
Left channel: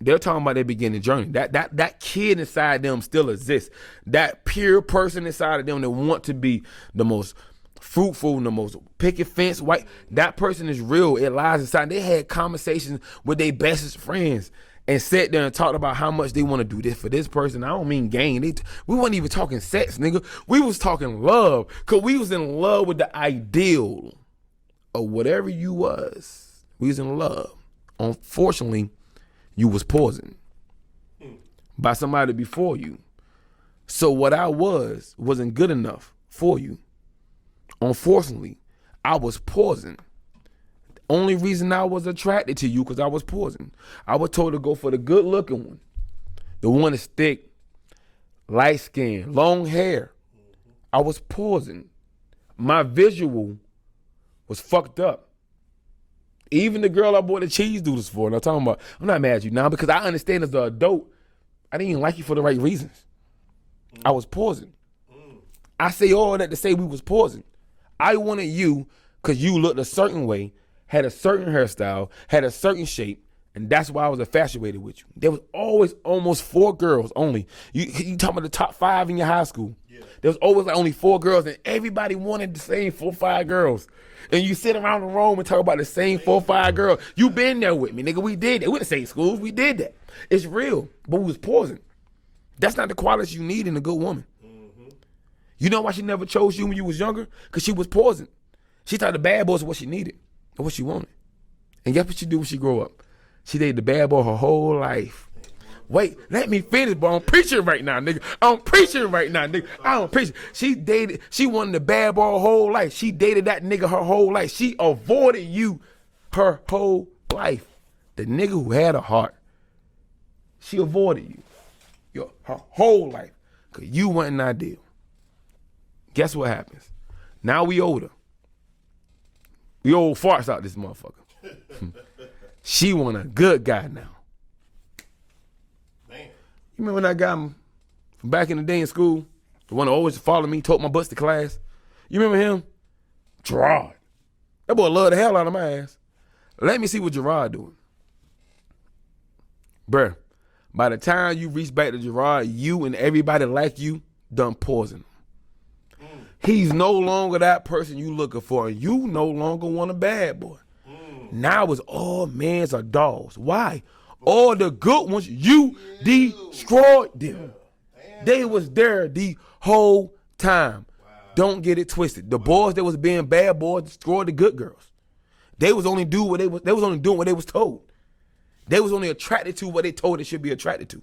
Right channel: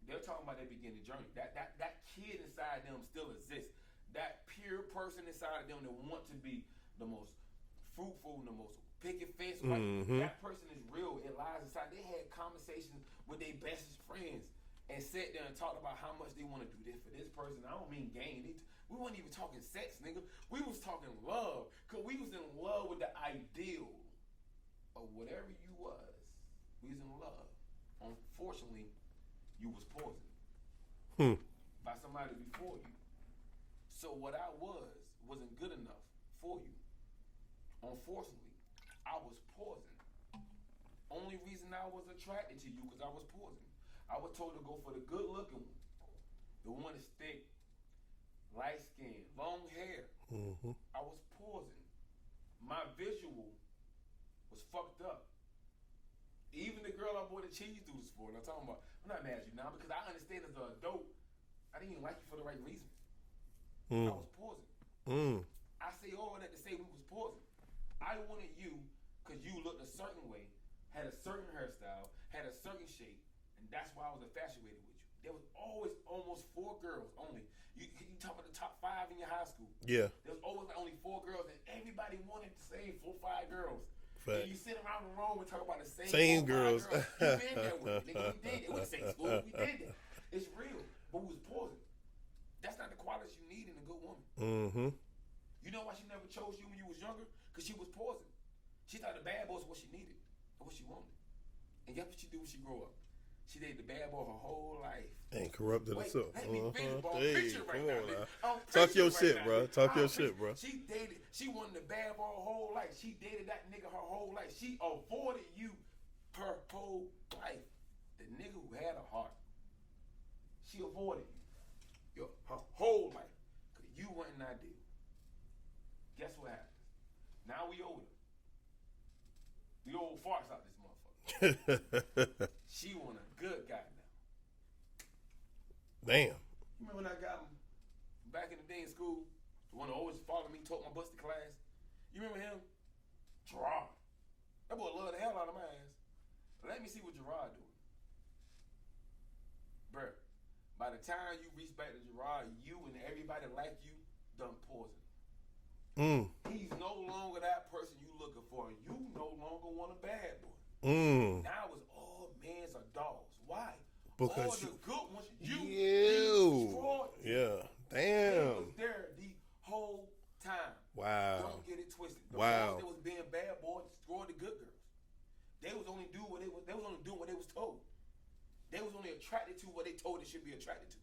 they're talking about their beginning journey. That kid inside them still exists. That pure person inside of them that want to be the most fruitful and the most picket fence white. That person is real. It lies inside. They had conversations with their bestest friends and sat there and talked about how much they want to do this for this person. I don't mean gain. We wasn't even talking sex, nigga. We was talking love. Cause we was in love with the ideal of whatever you was. We was in love. Unfortunately, you was poisoned by somebody before you. So what I wasn't good enough for you. Unfortunately, I was poisoned. The only reason I was attracted to you because I was poisoned. I was told to go for the good looking one. The one that's thick, light skin, long hair. I was poisoned. My visual was fucked up. Even the girl I bought the cheese doodles for, and I'm not mad at you now because I understand as an adult, I didn't even like you for the right reasons. I was poisoned. I say all that to say we was poisoned. I wanted you because you looked a certain way, had a certain hairstyle, had a certain shape, and that's why I was infatuated with you. There was always almost 4 girls only. You talking about the top 5 in your high school. Yeah. There was always like only 4 girls, and everybody wanted the same 4 or 5 girls. And you sit around the room and talk about the same 4 or 5 girls. You been there with me, nigga. We did that. We the same schools. We did that. It's real, but we was poisoned. That's not the qualities you need in a good woman. You know why she never chose you when you was younger? Because she was poisoned. She thought the bad boys were what she needed or what she wanted. And guess what she do when she grow up? She dated the bad boy her whole life. Wait, let me finish, bro. I'm preaching right now, nigga. I'm preaching right now, nigga. I don't preach. She wanted the bad boy her whole life. She dated that nigga her whole life. She avoided you her whole life. The nigga who had a heart. She avoided you her whole life. Because you wasn't ideal. Guess what happens? Now we older. We old farts out this motherfucker. She want a good guy now. Damn. You remember that guy from back in the day in school? The one that always followed me, took my bus to class? You remember him? Gerard. That boy loved the hell out of my ass. Let me see what Gerard doing. Bruh, by the time you reach back to Gerard, you and everybody like you done poison. He's no longer that person you looking for. You no longer want a bad boy. Now it's all men's are dogs. Why? Because all the good ones, you destroyed them. Damn. They was there the whole time. Wow. Don't get it twisted. The boys that was being bad boys destroyed the good girls. They was only doing what they was only doing what they was told. They was only attracted to what they told they should be attracted to.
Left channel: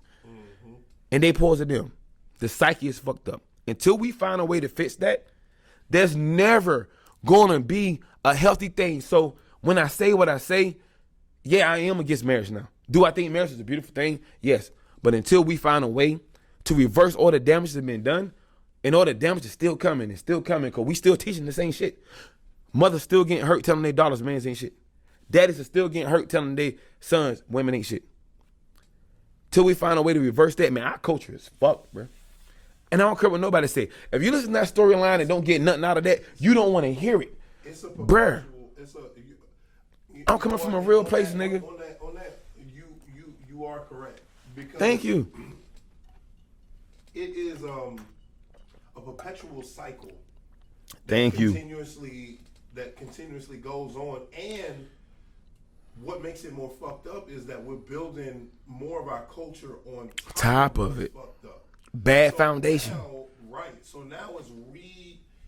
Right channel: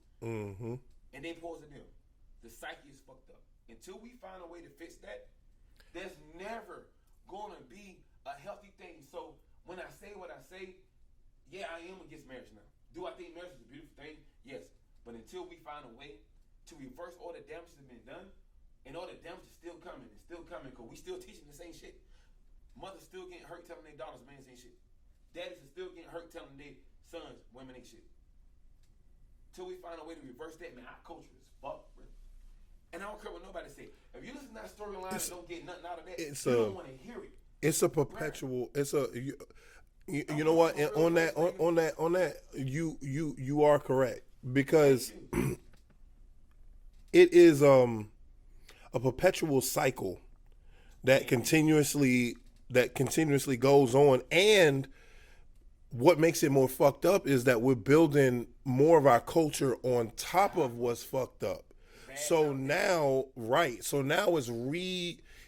And they poisoned them. The psyche is fucked up. Until we find a way to fix that, there's never gonna be a healthy thing. So when I say what I say, yeah, I am against marriage now. Do I think marriage is a beautiful thing? Yes. But until we find a way to reverse all the damage that's been done, and all the damage is still coming because we still teaching the same shit. Mothers still getting hurt telling their daughters men ain't shit. Daddies are still getting hurt telling their sons women ain't shit. Till we find a way to reverse that, man, our culture is fucked, bro. And I don't care what nobody say. If you listen to that storyline and don't get nothing out of that, you don't want to hear it. It's a perpetual. Bruh. It's a. I'm coming from a real place, nigga. On that, you are correct because. Thank you. It is a perpetual cycle that continuously goes on, and what makes it more fucked up is that we're building more of our culture on top of what's fucked up. Bad foundation. Now, right. So now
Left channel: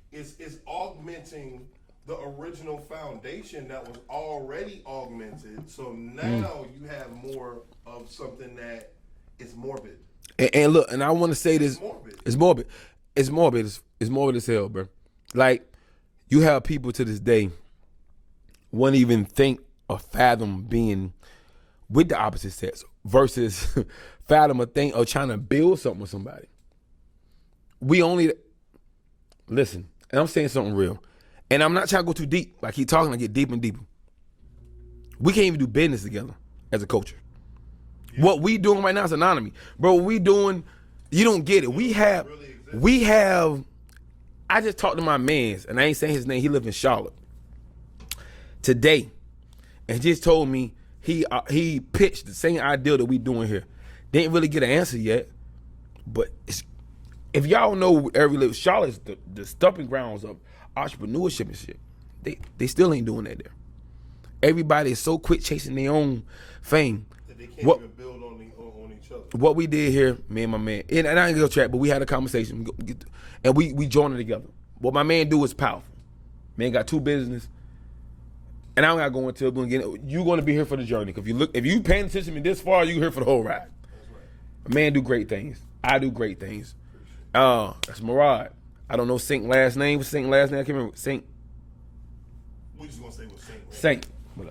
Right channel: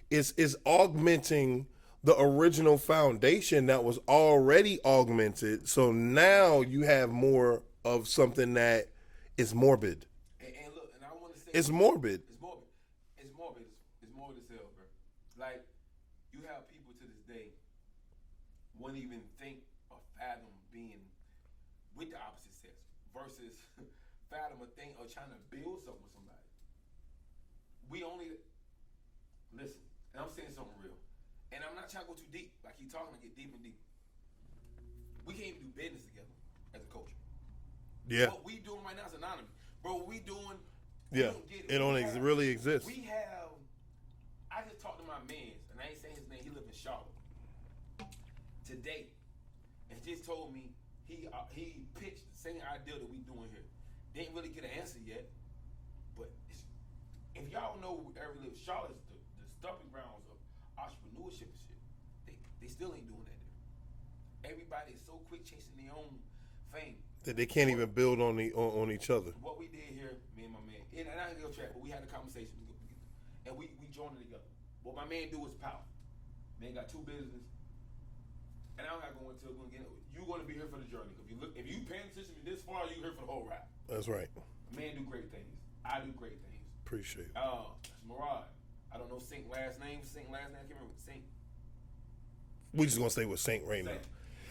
it's augmenting the original foundation that was already augmented. So now you have more of something that is morbid. And look, and I want to say this. It's morbid. It's morbid. It's morbid. It's morbid as hell, bro. Like, you have people to this day won't even think or fathom being with the opposite sex versus fathom a thing or trying to build something with somebody. We only listen, and I'm saying something real, and I'm not trying to go too deep. I keep talking, I get deeper and deeper. We can't even do business together as a culture. Yeah. What we doing right now is anonymous, bro. What we doing, you don't get it. We have. I just talked to my man's, and I ain't saying his name. He live in Charlotte today, and just told me he pitched the same idea that we doing here. Didn't really get an answer yet, but if y'all know Charlotte's the stomping grounds of entrepreneurship and shit. They still ain't doing that there. Everybody is so quick chasing their own fame that they can't even build on each other. What we did here, me and my man, and I ain't gonna chat, but we had a conversation, and we joined it together. What my man do is powerful. Man got 2 business, and I don't gotta go into it. You're gonna be here for the journey. If you paying attention to me this far, you here for the whole ride. That's right. My man do great things. I do great things. Appreciate it. That's Murad. I don't know Saint last name. What's Saint last name? I can't remember. Saint. We just gonna stay with Saint right Saint.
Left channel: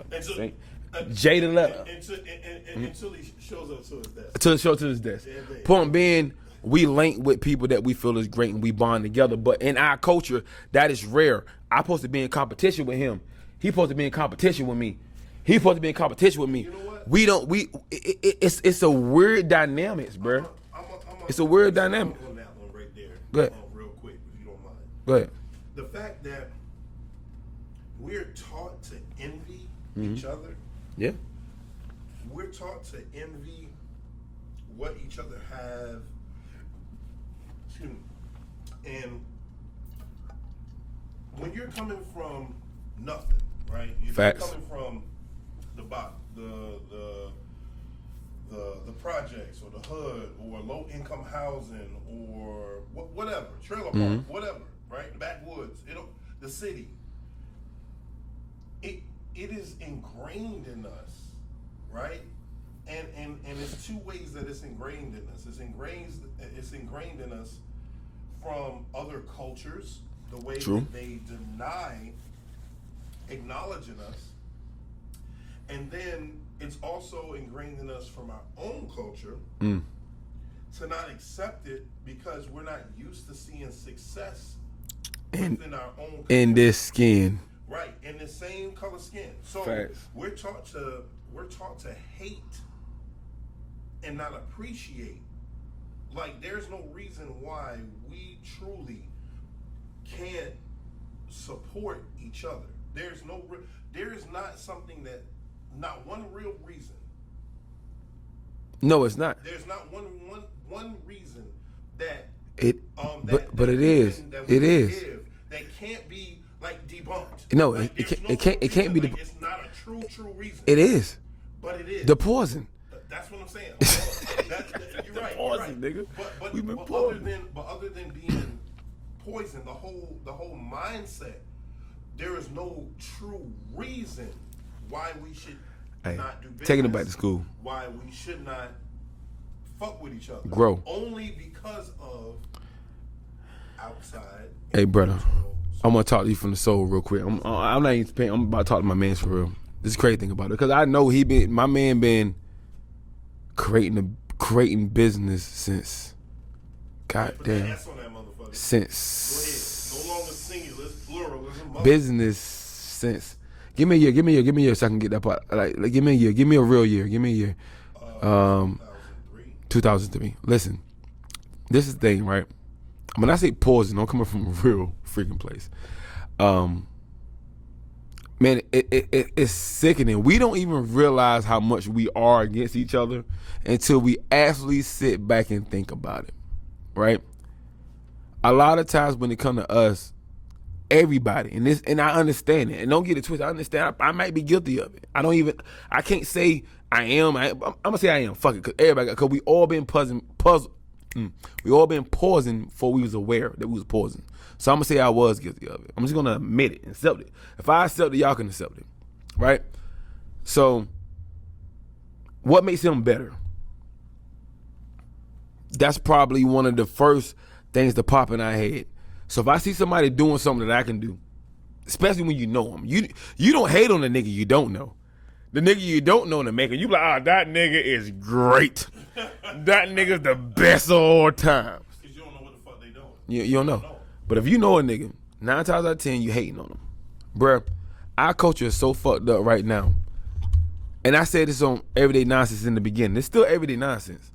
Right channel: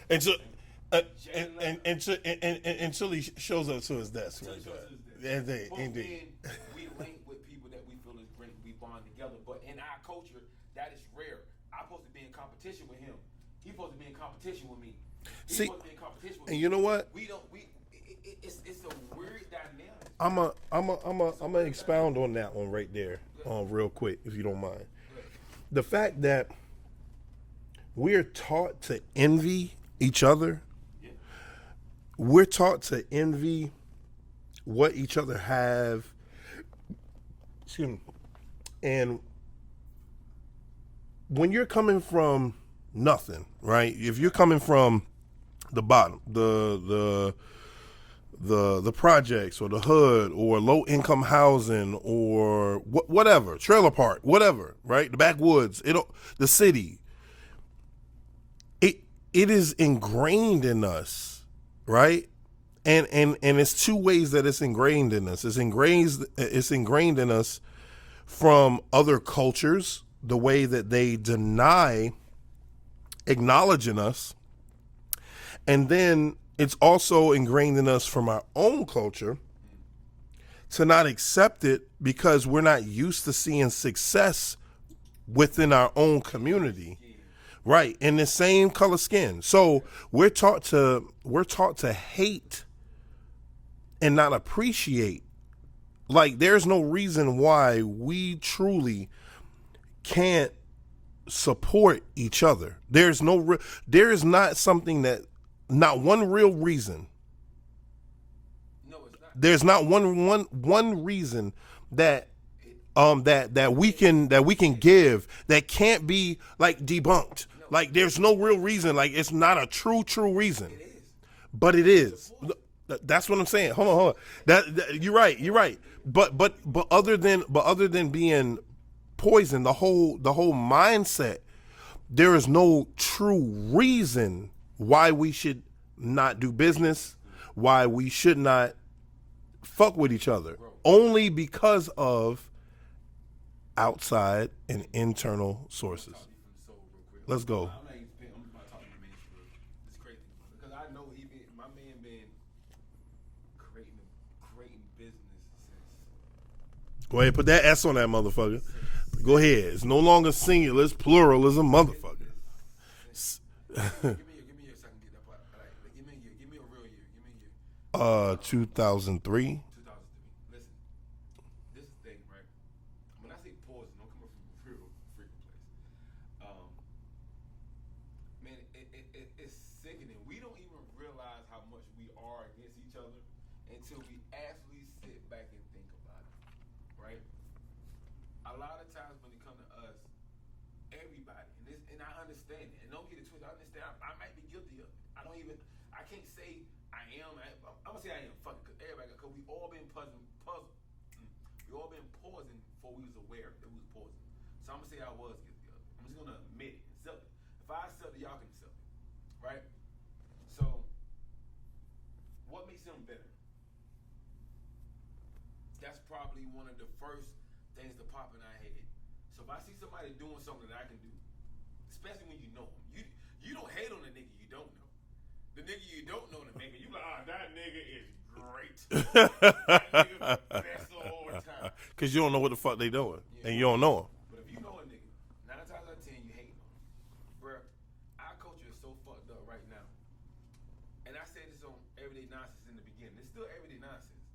Until Jaden Letter. Until he shows up to his desk. To his desk. Point being, we link with people that we feel is great and we bond together. But in our culture, that is rare. I'm supposed to be in competition with him. He's supposed to be in competition with me. He's supposed to be in competition with me. You know what? It's a weird dynamics, bro. It's a weird dynamic. On that one right there. Go ahead. Real quick, if you don't mind. Go ahead. The fact that we're taught to envy each other. Yeah. We're taught to envy what each other have. Excuse me. And when you're coming from nothing, right? If you're coming from the bottom, the projects or the hood or low income housing or whatever, trailer park, whatever, right? The backwoods, the city. It is ingrained in us, right? And it's 2 ways that it's ingrained in us. It's ingrained in us from other cultures, the way that they deny acknowledging us. And then it's also ingrained in us from our own culture to not accept it because we're not used to seeing success within our own community. In this skin. Right, in the same color skin. So we're taught to hate and not appreciate. Like, there's no reason why we truly can't support each other. There is not one real reason. No, it's not. There's not one reason that we can give that can't be like debunked. No, like there's no real reason. Like it's not a true reason. It is, but it is the poison. That's what I'm saying. Hold on. That you're right. You're right. But other than being poison, the whole mindset, there is no true reason why we should not do business. Taking it back to school. Why we should not fuck with each other. Grow. Only because of outside and internal sources. I'm gonna talk to you from the soul real quick. I'm not even paying. I'm about to talk to my man for real. This is the crazy thing about it, because I know my man been creating business since. Go ahead, put that S on that motherfucker. Since. Go ahead. It's no longer singular, it's pluralism. Business since. Give me a year so I can get that part. Like give me a year. Give me a real year. Give me a year. 2003. 2003. Listen, this is the thing, right? When I say poison, I'm coming from a real freaking place. Man, it's sickening. We don't even realize how much we are against each other until we actually sit back and think about it, right? A lot of times when it comes to us, everybody, and I understand it, and don't get it twisted. I understand. I might be guilty of it. I can't say I am. I'm gonna say I am. Fuck it, because we all been we all been pausing before we was aware that we was pausing. So I'm gonna say I was guilty of it. I'm just gonna admit it and accept it. If I accept it, y'all can accept it, right? So, what makes him better? That's probably one of the first things to pop in our head. So if I see somebody doing something that I can do, especially when you know him, you don't hate on the nigga you don't know. The nigga you don't know in the maker, you be like, that nigga is great. That nigga's the best of all time. Because you don't know what the fuck they doing. You don't know him. But if you know a nigga, 9 times out of 10, you hating on him. Bruh, our culture is so fucked up right now. And I said this on Everyday Nonsense in the beginning. It's still everyday nonsense.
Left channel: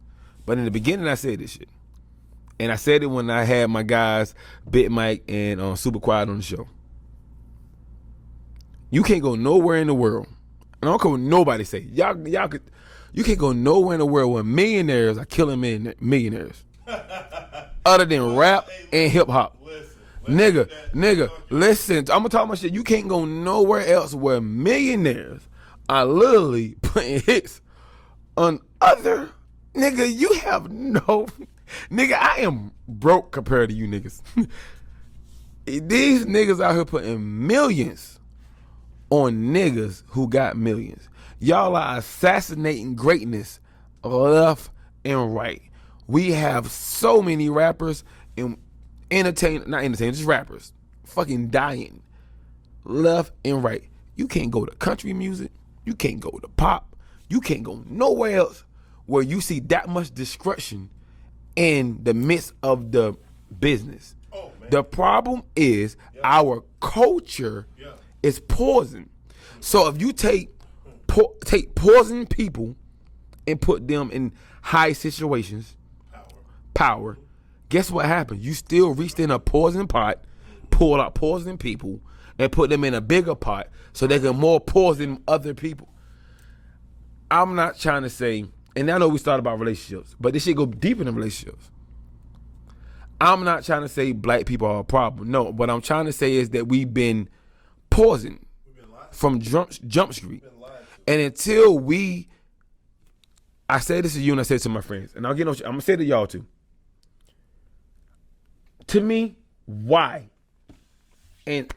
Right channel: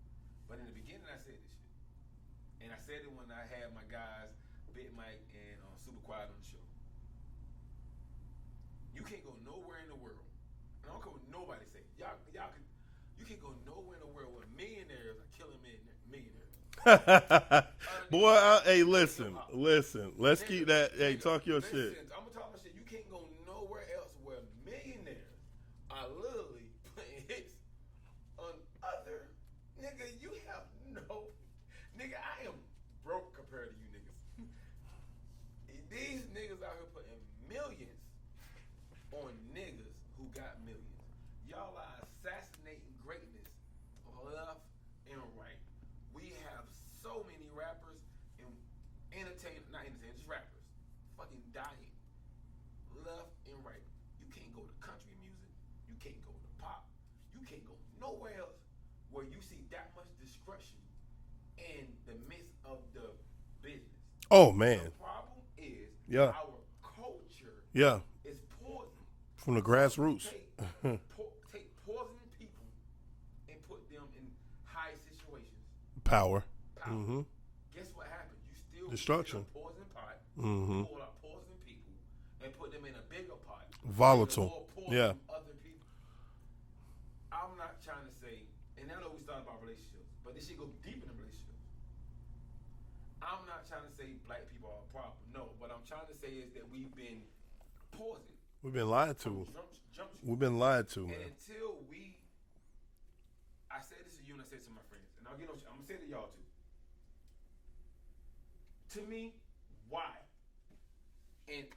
But in the beginning, I said this shit. And I said it when I had my guys, Big Mike and Super Quiet on the show. You can't go nowhere in the world. I don't care what nobody say. You can't go nowhere in the world where millionaires are killing millionaires. Other than rap and hip hop. Listen, listen. I'm gonna talk my shit. You can't go nowhere else where millionaires are literally putting hits on other nigga. You have no nigga. I am broke compared to you niggas. These niggas out here putting millions on niggas who got millions. Y'all are assassinating greatness left and right. We have so many rappers and just rappers fucking dying left and right. You can't go to country music. You can't go to pop. You can't go nowhere else where you see that much destruction in the midst of the business. Oh, man. The problem is our culture is poison. So if you take poison people and put them in high situations, power. Mm-hmm. Guess what happened? You still reached in a poison pot, pulled out poison people, and put them in a bigger pot so they can more poison other people. I'm not trying to say, and I know we started about relationships, but this shit go deeper than relationships. I'm not trying to say black people are a problem. No, what I'm trying to say is that we've been poisoned. We've been lied to. From Jump Street. We've been lied to. And until I say this to you and I say it to my friends, and I'm gonna say it to y'all too. To me, why? And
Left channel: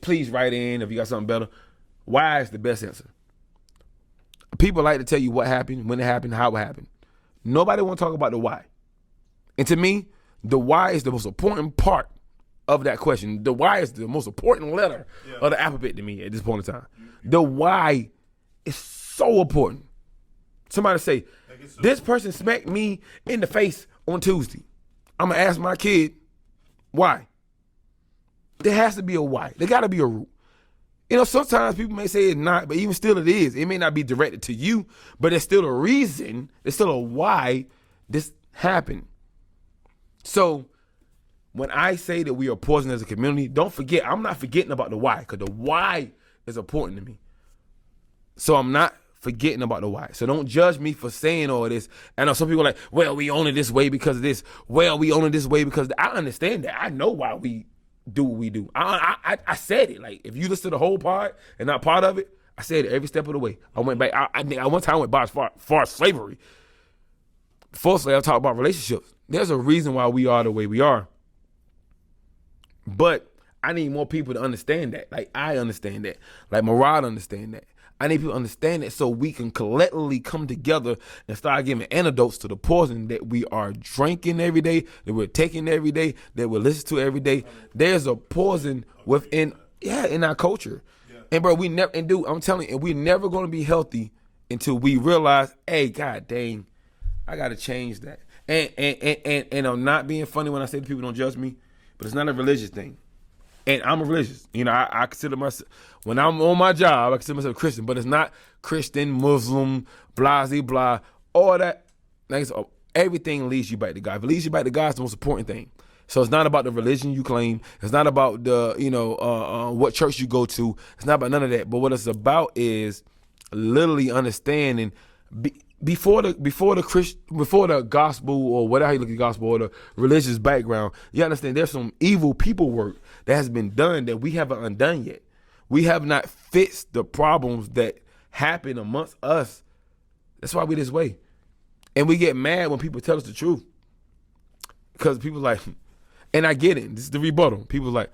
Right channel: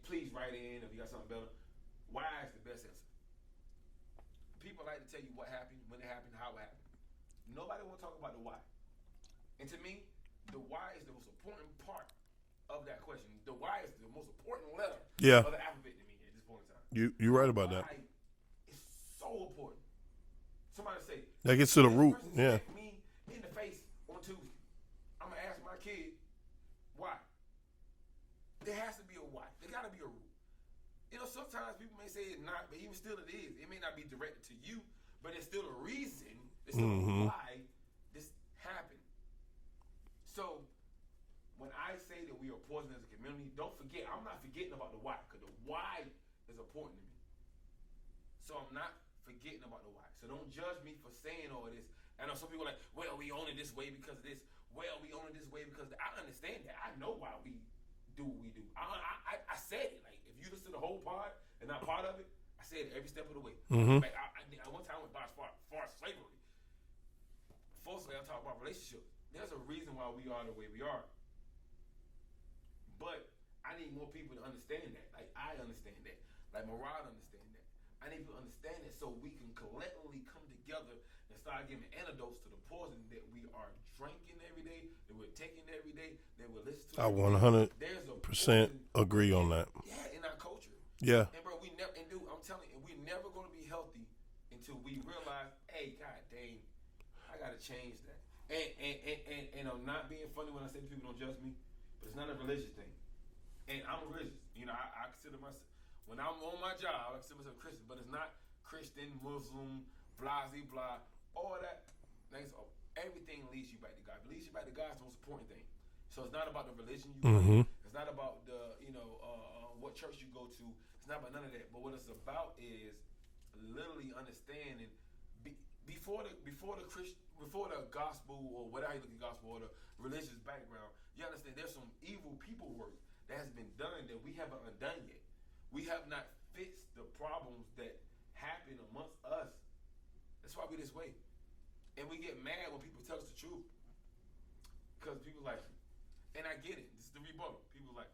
please write in if you got something better. Why is the best answer? People like to tell you what happened, when it happened, how it happened. Nobody want to talk about the why. And to me, the why is the most important part of that question. The why is the most important letter of the alphabet to me at this point in time. The why is so important. Somebody say, this person smacked me in the face on Tuesday. I'm going to ask my kid, why? There has to be a why. There got to be a root. You know, sometimes people may say it's not, but even still it is. It may not be directed to you, but there's still a reason. There's still a why this happened. So when I say that we are poisoned as a community, don't forget, I'm not forgetting about the why, because the why is important to me. So I'm not forgetting about the why. So don't judge me for saying all this. I know some people are like, well, we own it this way because of this. Well, we own it this way because I understand that. I know why we do what we do. I said it. Like, if you listen to the whole pod and not part of it, I said it every step of the way. I went back. I one time went by as far as slavery. Firstly, I talk about relationships. There's a reason why we are the way we are. But I need more people to understand that. Like, I understand that. Like, Murad understand that. I need people to understand that so we can collectively come together and start giving antidotes to the poison that we are drinking every day, that we're taking every day, that we listen to every day. There's a poison within in our culture. Yeah. And bro, I'm telling you, we're never gonna be healthy until we realize, hey, god dang, I gotta change that. And I'm not being funny when I say people don't judge me, but it's not a religious thing. And I'm a religious. You know, I consider myself, when I'm on my job, I consider myself a Christian, but it's not Christian, Muslim, blah, blah, all that. Everything leads you back to God. If it leads you back to God, it's the most important thing. So it's not about the religion you claim. It's not about the, what church you go to. It's not about none of that. But what it's about is literally understanding before the gospel, or whatever you look at the gospel, or the religious background, you understand there's some evil people work that has been done that we haven't undone yet. We have not fixed the problems that happen amongst us. That's why we this way. And we get mad when people tell us the truth. Because people like, and I get it, this is the rebuttal. People like,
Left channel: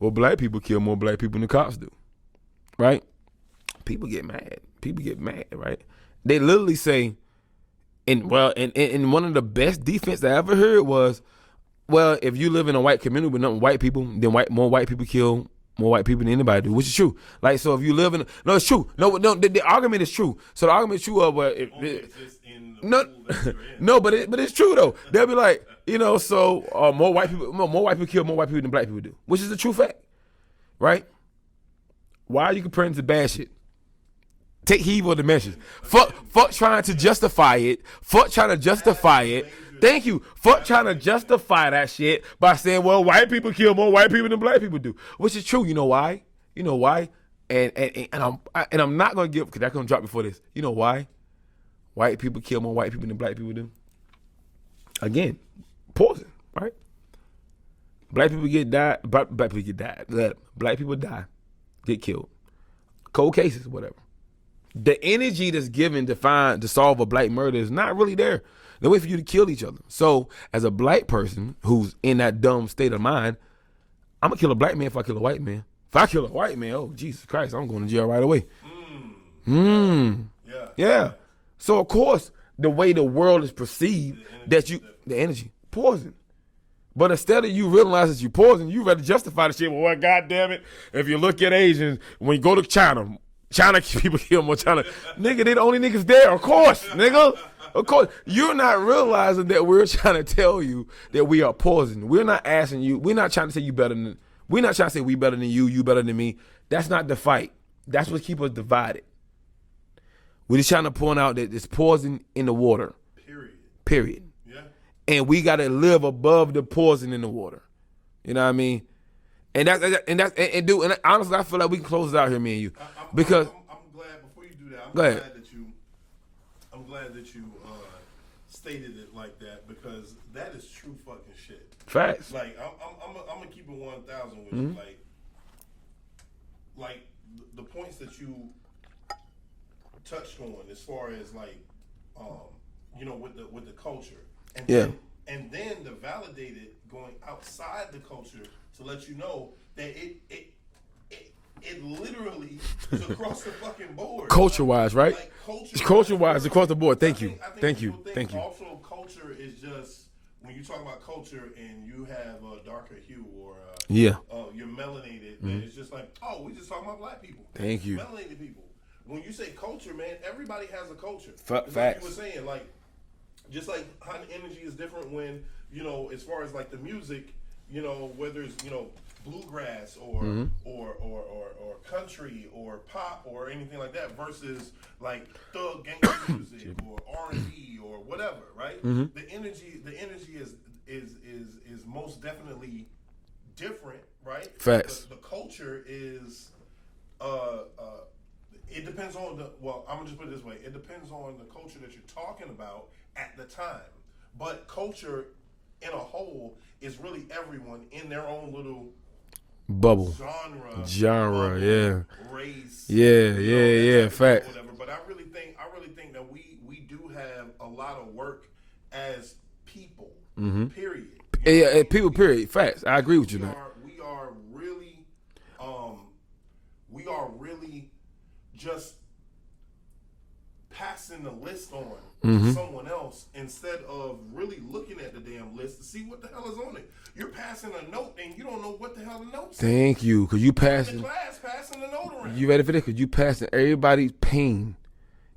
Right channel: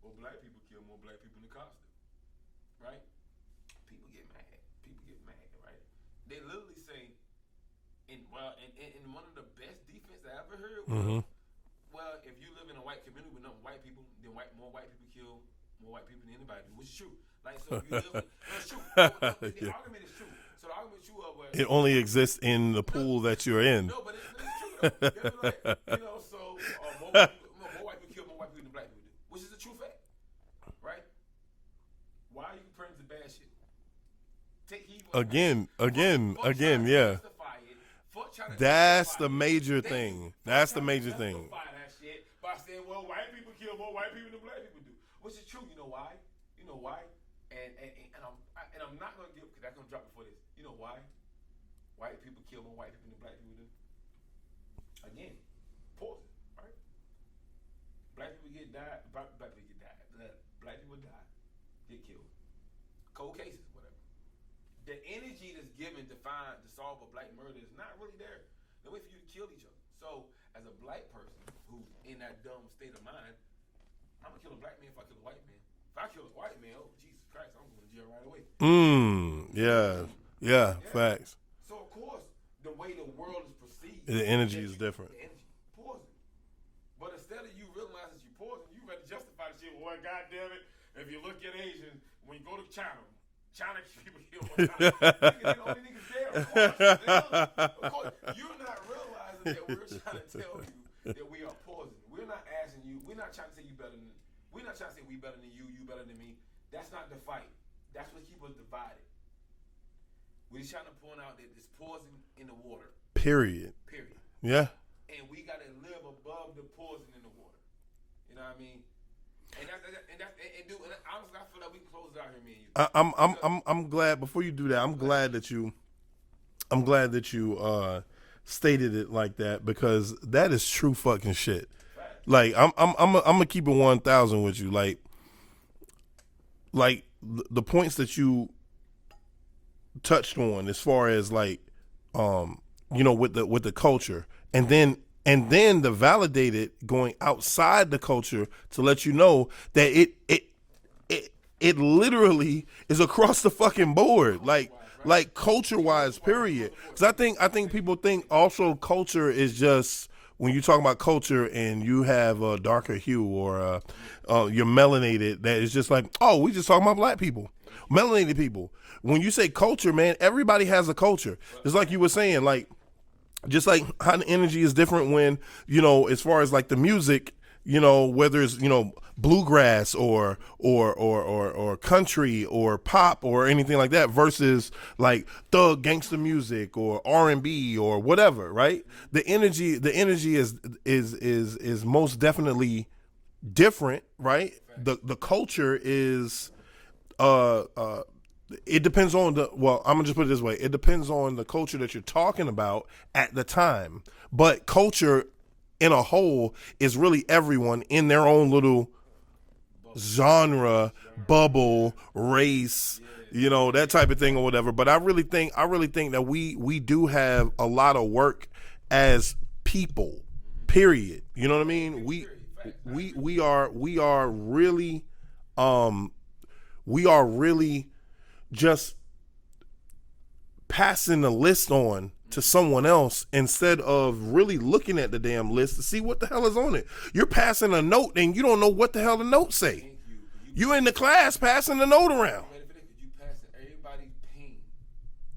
well, black people kill more black people than the cops do. Right? People get mad. Right? They literally say, and one of the best defense I ever heard was, well, if you live in a white community with nothing white people, then more white people kill more white people than anybody do, which is true. Like, so if you live in, no, it's true. No, the argument is true. So the argument is true of what it only exists in the pool that you're in. No, but it's true though. They'll be like, so more white people kill more white people than black people do, which is a true fact, right? Why are you comparing to bad shit? Take heed of the message. Fuck trying to justify it. Fuck trying to justify it. Thank you. Fuck trying to justify that shit by saying, well, white people kill more white people than black people do, which is true. You know why? I'm not gonna give because that's gonna drop before this. You know why? White people kill more white people than black people do. Again, poison, right? Black people get died. Black people get died. Black people die, get killed. Cold cases, whatever. The energy that's given to solve a black murder is not really there. They wait for you to kill each other. So, as a black person who's in that dumb state of mind, I'm gonna kill a black man if I kill a white man. If I kill a white man, oh Jesus Christ, I'm going to jail right away. Yeah. Facts. So of course, the way the world is perceived, the energy is different. The energy, poison. But instead of you realize that you poison, you rather justify the shit. Well, what? God damn it! If you look at Asians, when you go to China people kill more China. Nigga, they the only niggas there. Of course, nigga. Of course. You're not realizing that we're trying to tell you that we are poison. We're not asking you. We're not trying to say you better than. We're not trying to say we better than you better than me. That's not the fight. That's what keeps us divided. We're just trying to point out that there's poison in the water. Period. Yeah. And we got to live above the poison in the water. You know what I mean? And honestly, I feel like we can close it out here, me and you. I'm glad. Before you do that, I'm glad that you stated it like that, because that is true fucking shit. Facts. Like I'm gonna keep it 1,000 with you. Like the points that you touched on as far as like with the culture, and then the validated going outside the culture to let you know that it literally is across the fucking board, culture-wise, right? Like culture-wise across the board. I think people think also culture is just when you talk about culture and you have a darker hue or you're melanated. That is just like, oh, we just talking about black people. Thank you, melanated people. When you say culture, man, everybody has a culture. It's like you were saying, like. Just like how the energy is different when, as far as like the music, whether it's, bluegrass or country or pop or anything like that versus like thug gangster music or R&B or whatever, right? The energy is most definitely different, right? Facts. The culture is it depends on I'm gonna just put it this way. It depends on the culture that you're talking about at the time. But culture in a whole is really everyone in their own little bubble, genre bubble, race, that type of thing or whatever. But I really think that we do have a lot of work as people. Period. You know what I mean? People. Period. Facts. I agree with you. We are really just passing the list on to someone else instead of really looking at the damn list to see what the hell is on it. You're passing a note and you don't know what the hell the note says. Thank you, because you're in the class passing the note around. You ready for this? Because you passing everybody's pain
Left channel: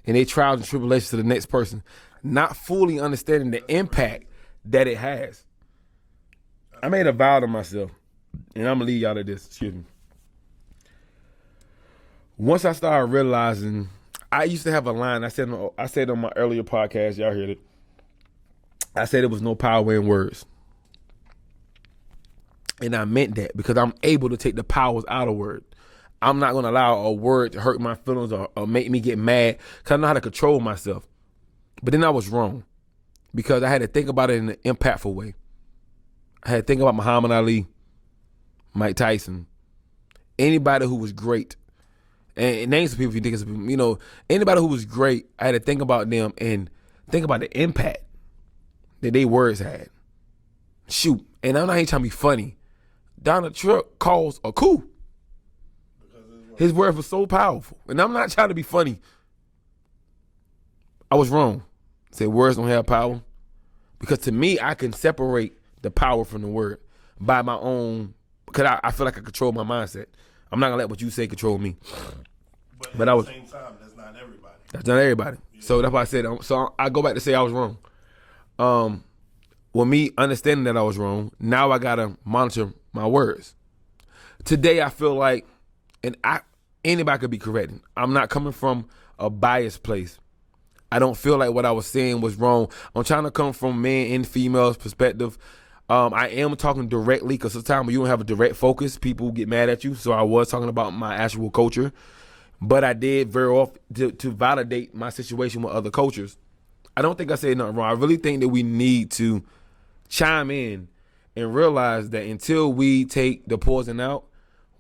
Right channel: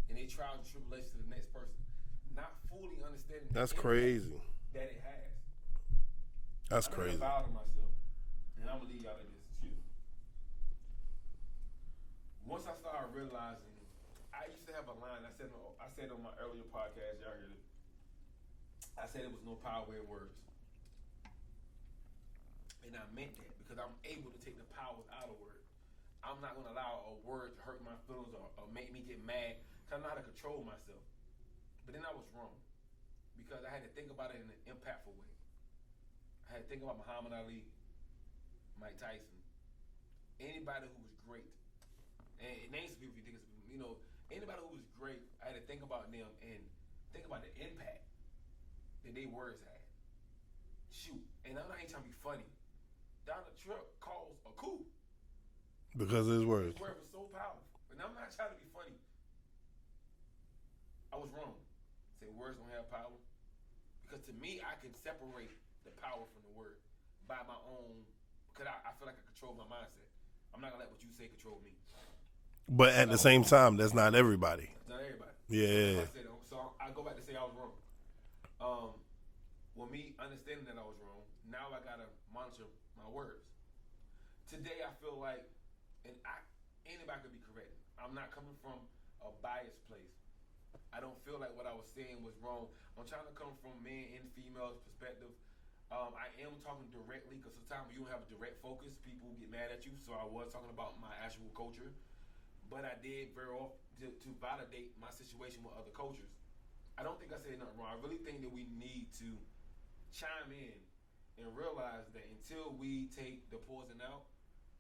and their trials and tribulations to the next person, not fully understanding the impact that it has. I made a vow to myself, and I'm gonna leave y'all to this. Excuse me. Once I started realizing, I used to have a line. I said on my earlier podcast, y'all heard it. I said there was no power in words. And I meant that because I'm able to take the powers out of word. I'm not going to allow a word to hurt my feelings or make me get mad because I know how to control myself. But then I was wrong because I had to think about it in an impactful way. I had to think about Muhammad Ali, Mike Tyson, anybody who was great. And name some people if you think it's, anybody who was great, I had to think about them and think about the impact that their words had. Shoot. And I'm not even trying to be funny. Donald Trump caused a coup. Because of his words. His words were so powerful. And I'm not trying to be funny. I was wrong. I said words don't have power. Because to me, I can separate the power from the word by my own, because I feel like I control my mindset. I'm not going to let what you say control me. But at the same time, that's not everybody. That's not everybody. Yeah, so that's why I said, so I go back to say I was wrong. With me understanding that I was wrong, now I got to monitor my words. Today I feel like, anybody could be corrected. I'm not coming from a biased place. I don't feel like what I was saying was wrong. I'm trying to come from men and females' perspective. I am talking directly because sometimes when you don't have a direct focus, people get mad at you. So I was talking about my actual culture, but I did very often to validate my situation with other cultures. I don't think I said nothing wrong. I really think that we need to chime in and realize that until we take the poison out,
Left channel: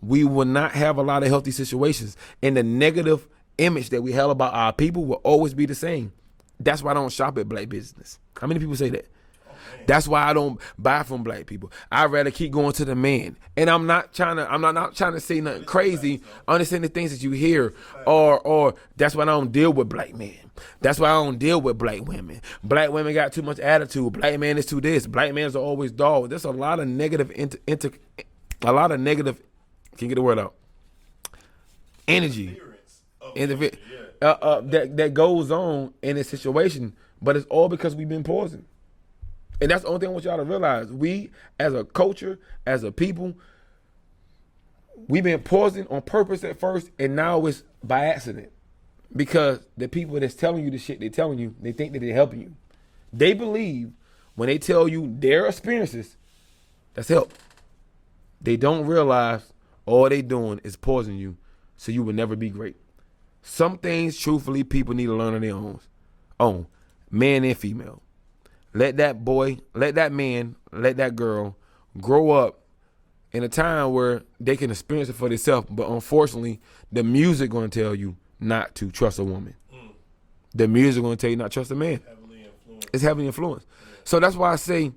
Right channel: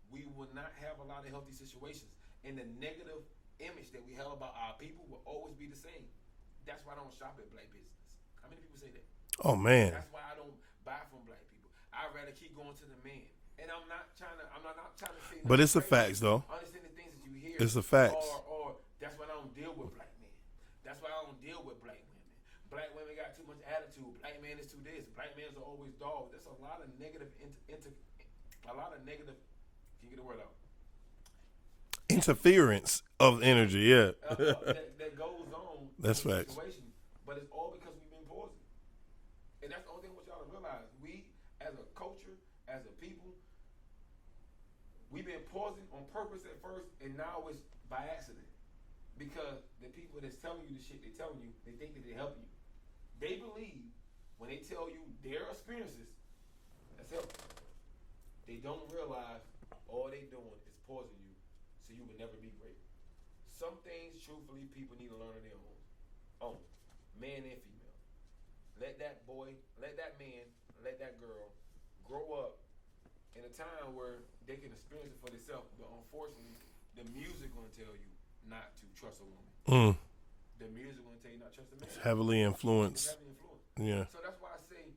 we will not have a lot of healthy situations. And the negative image that we have about our people will always be the same. That's why I don't shop at black business. How many people say that? Oh man. That's why I don't buy from black people. I'd rather keep going to the man. And I'm not trying to say nothing crazy. Understand the things that you hear. It's a fact. Or that's why I don't deal with black men. That's why I don't deal with black women. Black women got too much attitude. Black man is too this. Black men are always dog. There's a lot of negative can you get the word out? Energy. Interference of energy, yeah. That goes on in this facts. situation, but it's all because we've been poisoned. And that's the only thing I want y'all to realize. We, as a culture, as a people, we've been poisoned on purpose at first, and now it's by accident. Because the people that's telling you the shit they're telling you, they think that they're helping you. They believe when they tell you their experiences, that's help. They don't realize all they doing is poisoning you, so you will never be great. Some things, truthfully, people need to learn on their own, man and female. Let that boy, let that man, let that girl grow up in a time where they can experience it for themselves. But unfortunately, the music going to tell you not to trust a woman. The music going to tell you not to trust a man. Heavily influenced. It's heavily influenced. Yeah. So that's why I say,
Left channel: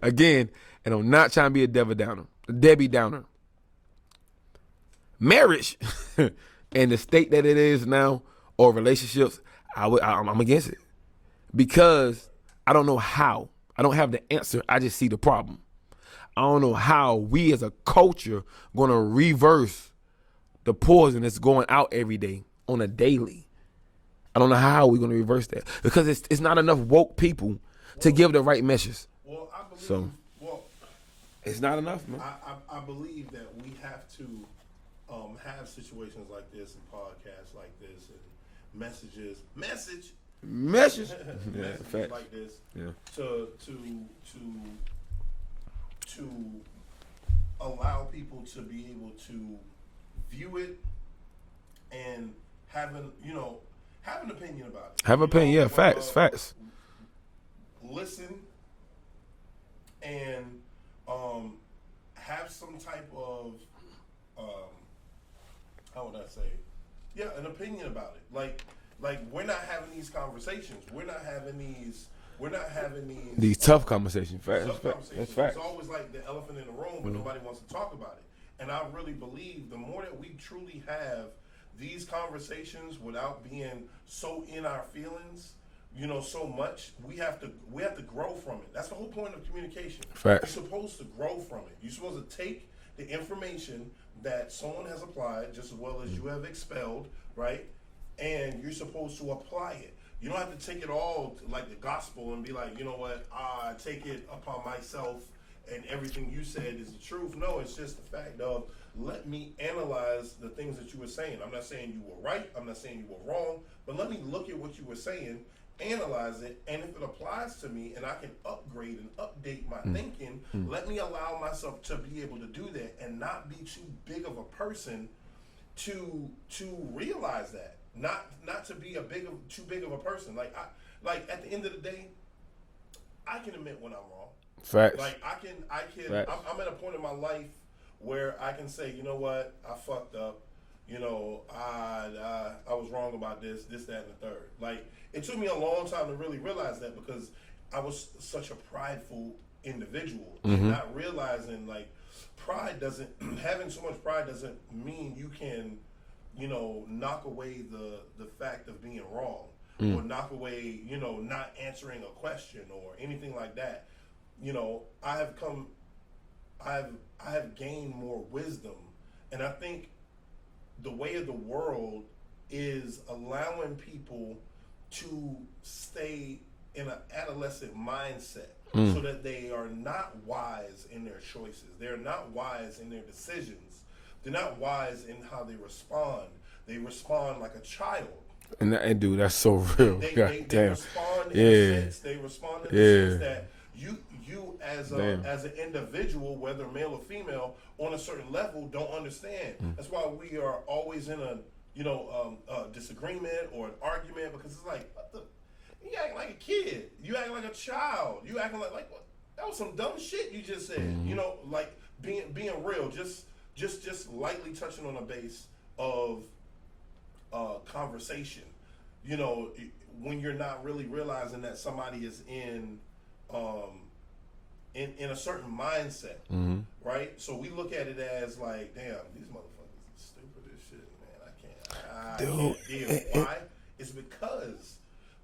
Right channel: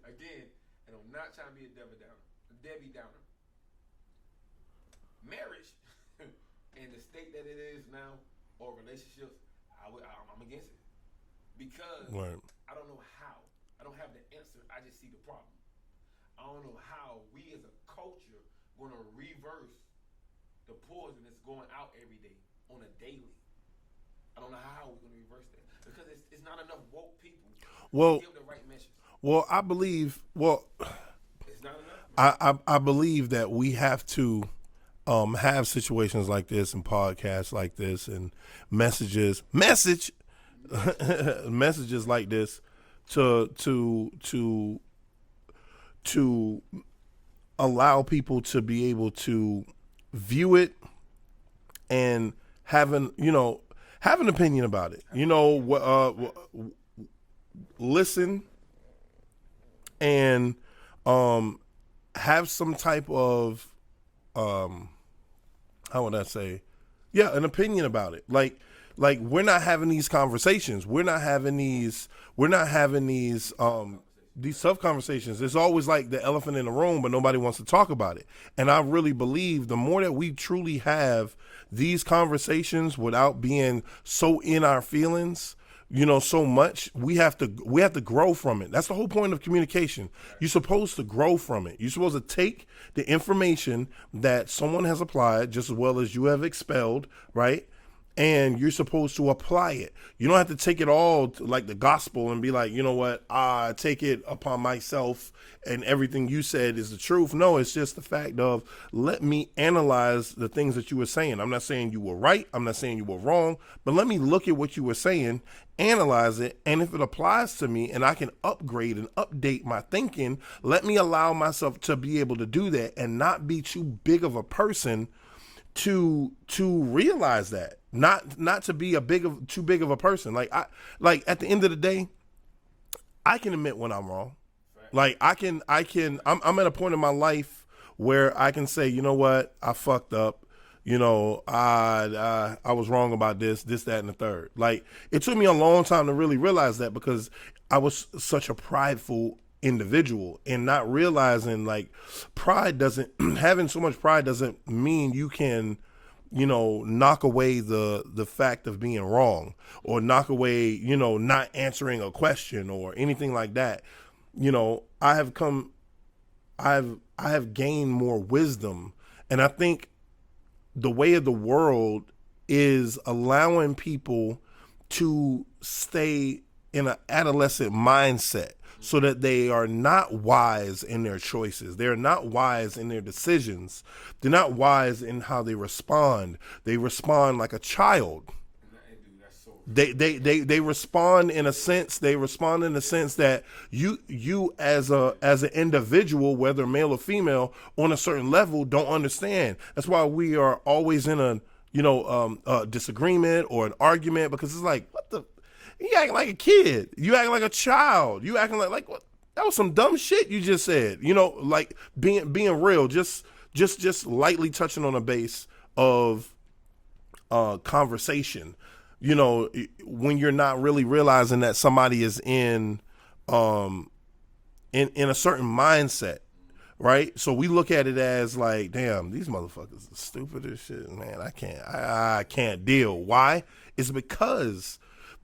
again, and I'm not trying to be a Debbie Downer. Marriage and the state that it is now, or relationships, I'm against it. Because I don't know how. I don't have the answer. I just see the problem. I don't know how we as a culture going to reverse the poison that's going out every day on a daily. I don't know how we're going to reverse that. Because it's not enough woke people to give the right message. Well, I believe, it's not enough, man. I believe that we have to have situations like this and podcasts like this and messages like this to allow people to be able to view it and have an opinion about it. Facts. Listen and have some type of how would I say? Yeah, an opinion about it. Like we're not having these conversations. We're not having these tough conversations. These tough conversations. It's always like the elephant in the room, but nobody wants to talk about it. And I really believe the more that we truly have these conversations without being so in our feelings, so much, we have to grow from it. That's the whole point of communication. Right. You're supposed to grow from it. You're supposed to take the information that someone has applied just as well as you have expelled, right? And you're supposed to apply it. You don't have to take it all like the gospel and be like, you know what, I take it upon myself and everything you said is the truth. No, it's just the fact of, let me analyze the things that you were saying. I'm not saying you were right. I'm not saying you were wrong, but let me look at what you were saying, analyze it, and if it applies to me and I can upgrade and update my thinking, let me allow myself to be able to do that and not be too big of a person to realize that. Not to be too big of a person. Like at the end of the day, I can admit when I'm wrong. Fact. Like I can. I'm at a point in my life where I can say, you know what, I fucked up. I was wrong about this, that, and the third. Like it took me a long time to really realize that because I was such a prideful individual and not realizing like having so much pride doesn't mean you can, knock away the fact of being wrong or knock away, not answering a question or anything like that. I have gained more wisdom, and I think the way of the world is allowing people to stay in an adolescent mindset so that they are not wise in their choices. They're not wise in their decisions. They're not wise in how they respond. They respond like a child. And dude, that's so They real. they respond in a sense. They respond in a sense that you as an individual, whether male or female, on a certain level, don't understand. That's why we are always in a disagreement or an argument, because it's like, what the, you acting like a kid, you acting like a child, you acting like what? That was some dumb shit you just said. Like being real, just lightly touching on a base of conversation. When you're not really realizing that somebody is in a certain mindset, right? So we look at it as like, damn, these motherfuckers are stupid as shit, man. I can't deal. Why? It's because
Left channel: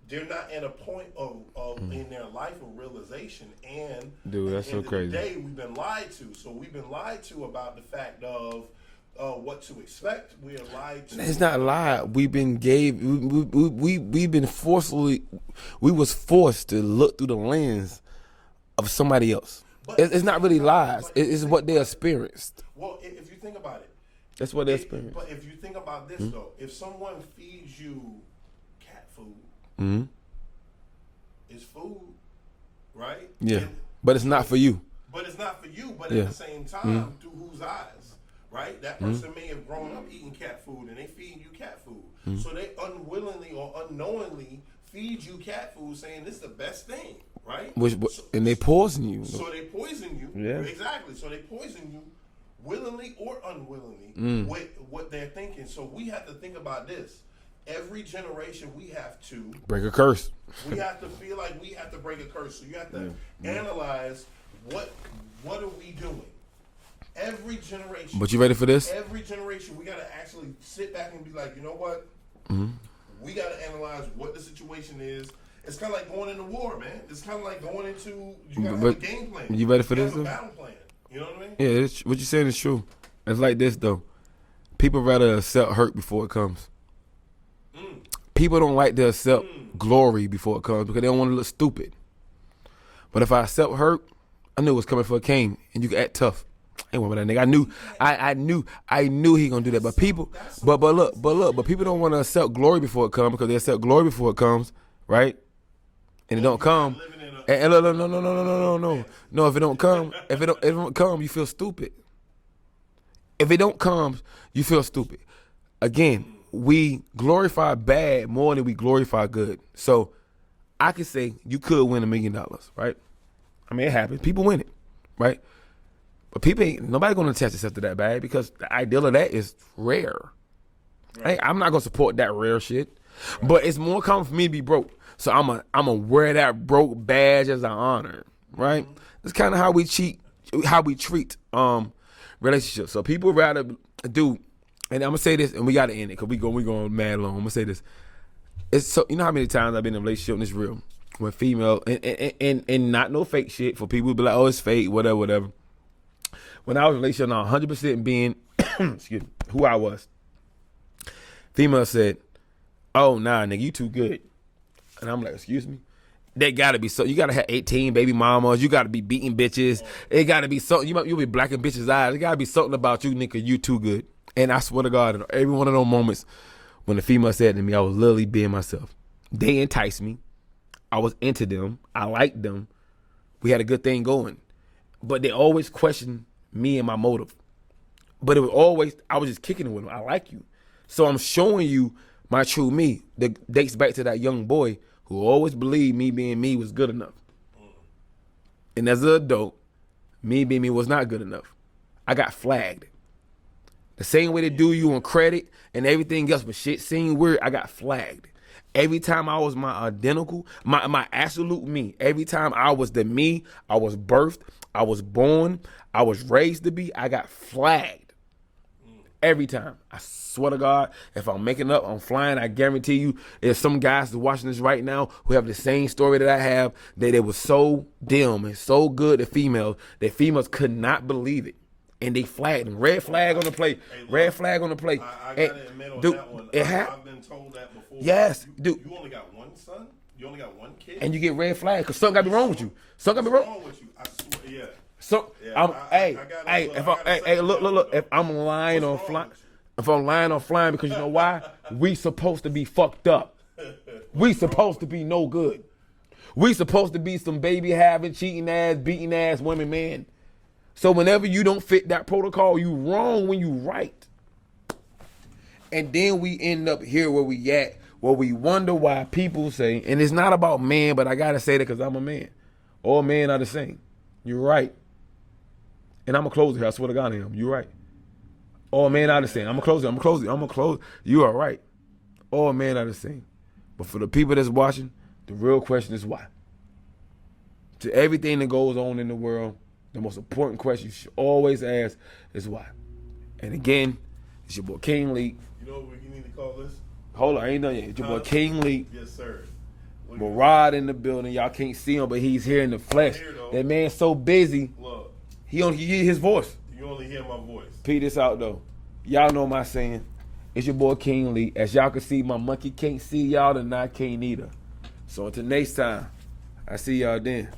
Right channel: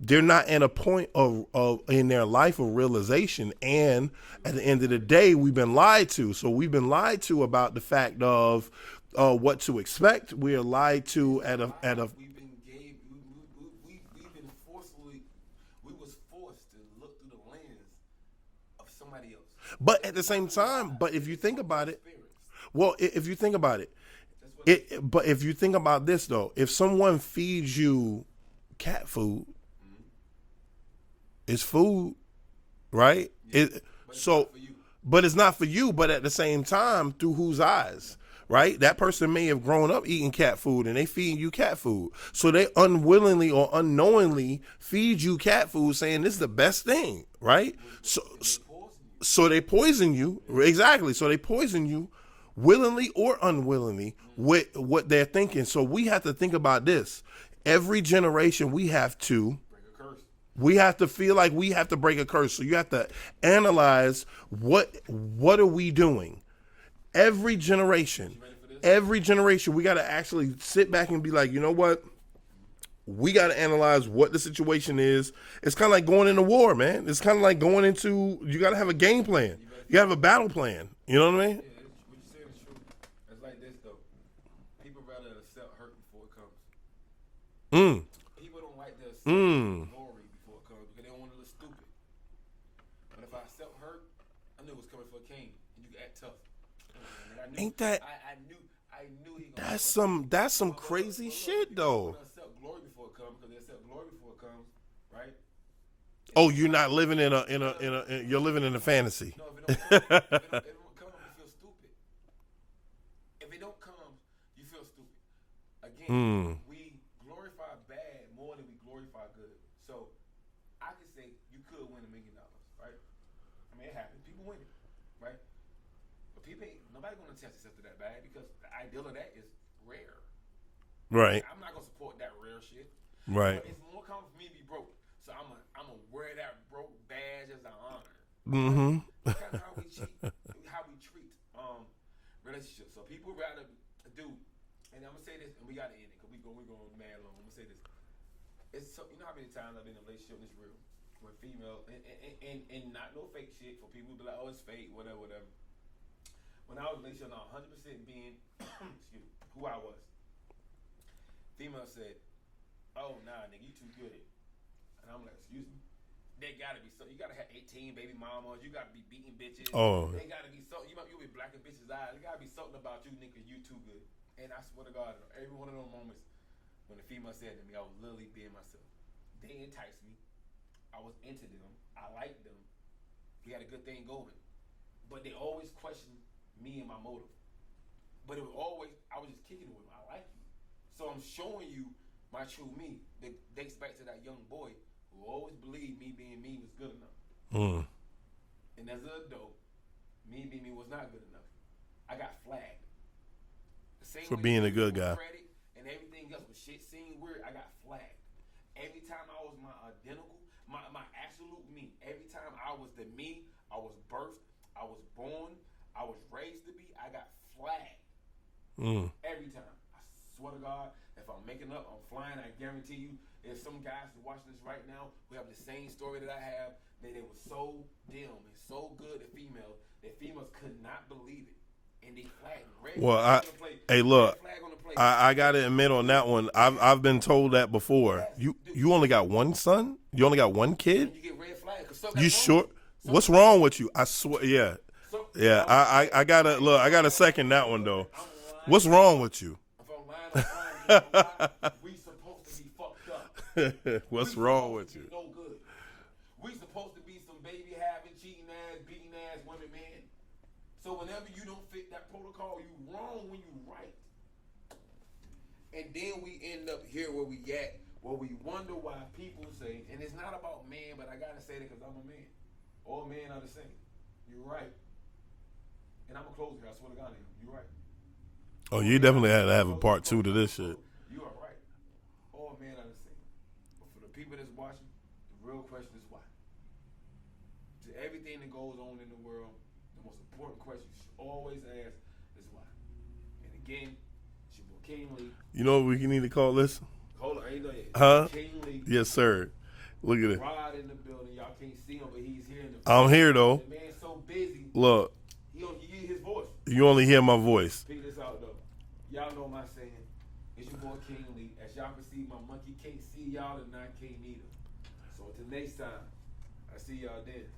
they're not in a point of in their life of realization, and Dude, at the that's end so of the crazy. day, we've been lied to. So we've been lied to about the fact of what to expect. We are lied to. It's not live. We've been was forced to look through the lens of somebody else. But at it's the not same really time, lies. but if you It's think what they about it- experienced. Well, if you think about it, That's what they experienced. but if you think about this though, if someone feeds you cat food, it's food, right? Yeah. But it's not for you. But it's not for you. But at the same time, through whose eyes, right? That person may have grown up eating cat food, and they feeding you cat food. So they unwillingly or unknowingly feed you cat food, saying this is the best thing, right? And they poison you. So they poison you. Exactly. So they poison you willingly or unwillingly with what they're thinking. So we have to think about this. Every generation we have to Break a curse. feel like we have to break a curse. So you have to analyze what are we doing? Every generation. But you ready for this? Every generation, we got to actually sit back and be like, you know what? We got to analyze what the situation is. It's kind of like going into war, man. It's kind of like going into, you got to have a game plan. You ready for You got to this, have a though? battle plan. You know what I mean? Yeah, what you're saying is true. It's like this, though. People rather accept hurt before it comes. People don't like to accept glory before it comes because they don't want to look stupid. But if I accept hurt, I knew it was coming for a king, and you can act tough. Ain't one with that nigga. I knew he gonna do that. But people, that's some but look, crazy but shit, people though. don't want to accept glory before it comes because they accept glory before it comes, right? And it don't you're come. not living in a, And you're no, living in a fantasy. No, if it don't come, if it don't come, you feel stupid. If it don't come, you feel stupid. Again, we glorify bad more than we glorify good. So I could say you could win $1 million, right? I mean, it happens. People win it, right? But nobody gonna attach themselves to that bag because the ideal of that is rare. Right. Hey, I'm not gonna support that rare shit. Right. But it's more common for me to be broke. So I'm a wear that broke badge as an honor. Right? It's kind of how we treat relationships. So people rather do, and I'm gonna say this, and we gotta end it because we going mad long. I'm gonna say this. It's so, you know how many times I've been in a relationship and it's real with female and not no fake shit for people who be like, oh, it's fake, whatever. When I was in a relationship, now 100% being excuse me, who I was. Female said, oh, nah, nigga, you too good. And I'm like, excuse me? They gotta be so. You gotta have 18 baby mamas. You gotta be beating bitches. Oh. It gotta be something. You'll be blacking bitches' eyes. It gotta be something about you, nigga. You too good. And I swear to God, in every one of those moments when the female said to me, I was literally being myself. They enticed me. I was into them. I liked them. We had a good thing going. But they always questioned me and my motive. But it was always, I was just kicking it with them. I like you. So I'm showing you my true me that dates back to that young boy who always believed me being me was good enough. And as an adult, me being me was not good enough. I got flagged. The same way they being do a you good on guy. credit and everything else, but shit seemed weird, I got flagged. Every time I was my identical, my absolute me, every time I was the me, I was birthed, I was born, I was raised to be, I got flagged. Every time. I swear to God, if I'm making up, I'm flying, I guarantee you, there's some guys that's watching this right now who have the same story that I have, that it was so dim and so good to females, that females could not believe it. And they flagged them. Red flag on the plate. Hey, look, red flag on the plate. I got to admit on dude, that one, it I've been told that before. Yes, You, dude. you only got one son? You only got one kid? and you get red flag because something got You wrong sure? with you. Something What's wrong with you? I swear, yeah. So, Yeah, I gotta look. I gotta second that one though. If I'm lying, What's or wrong fly- with you? If I'm lying, I'm flying because you know why? We supposed to be fucked up. We supposed to be no good. We supposed to be some baby having, cheating ass, beating ass women, man. So whenever you don't fit that protocol, you wrong when you right. And then we end up here where we at, where we wonder why people say, and it's not about man, but I gotta say that because I'm a man. All men are the same. You're right. And I'm gonna close here. I swear to God I am. You're right. All men are the same. I'm gonna close. You are right. All men are the same. But for the people that's watching, the real question is why. To everything that goes on in the world, the most important question you should always ask is why. And again, it's your boy King Lee. You know what we need to call this? Hold on, I ain't done yet. It's your boy King Lee. Yes, sir. Look at it. Rod in the building. Y'all can't see him, but he's here in the flesh. I don't hear though. That man's so busy. Look. He only hear his voice. You only hear my voice. Peep this out though. Y'all know my saying. It's your boy King Lee. As y'all can see, my monkey can't see y'all and I can't either. So until next time, I see y'all then.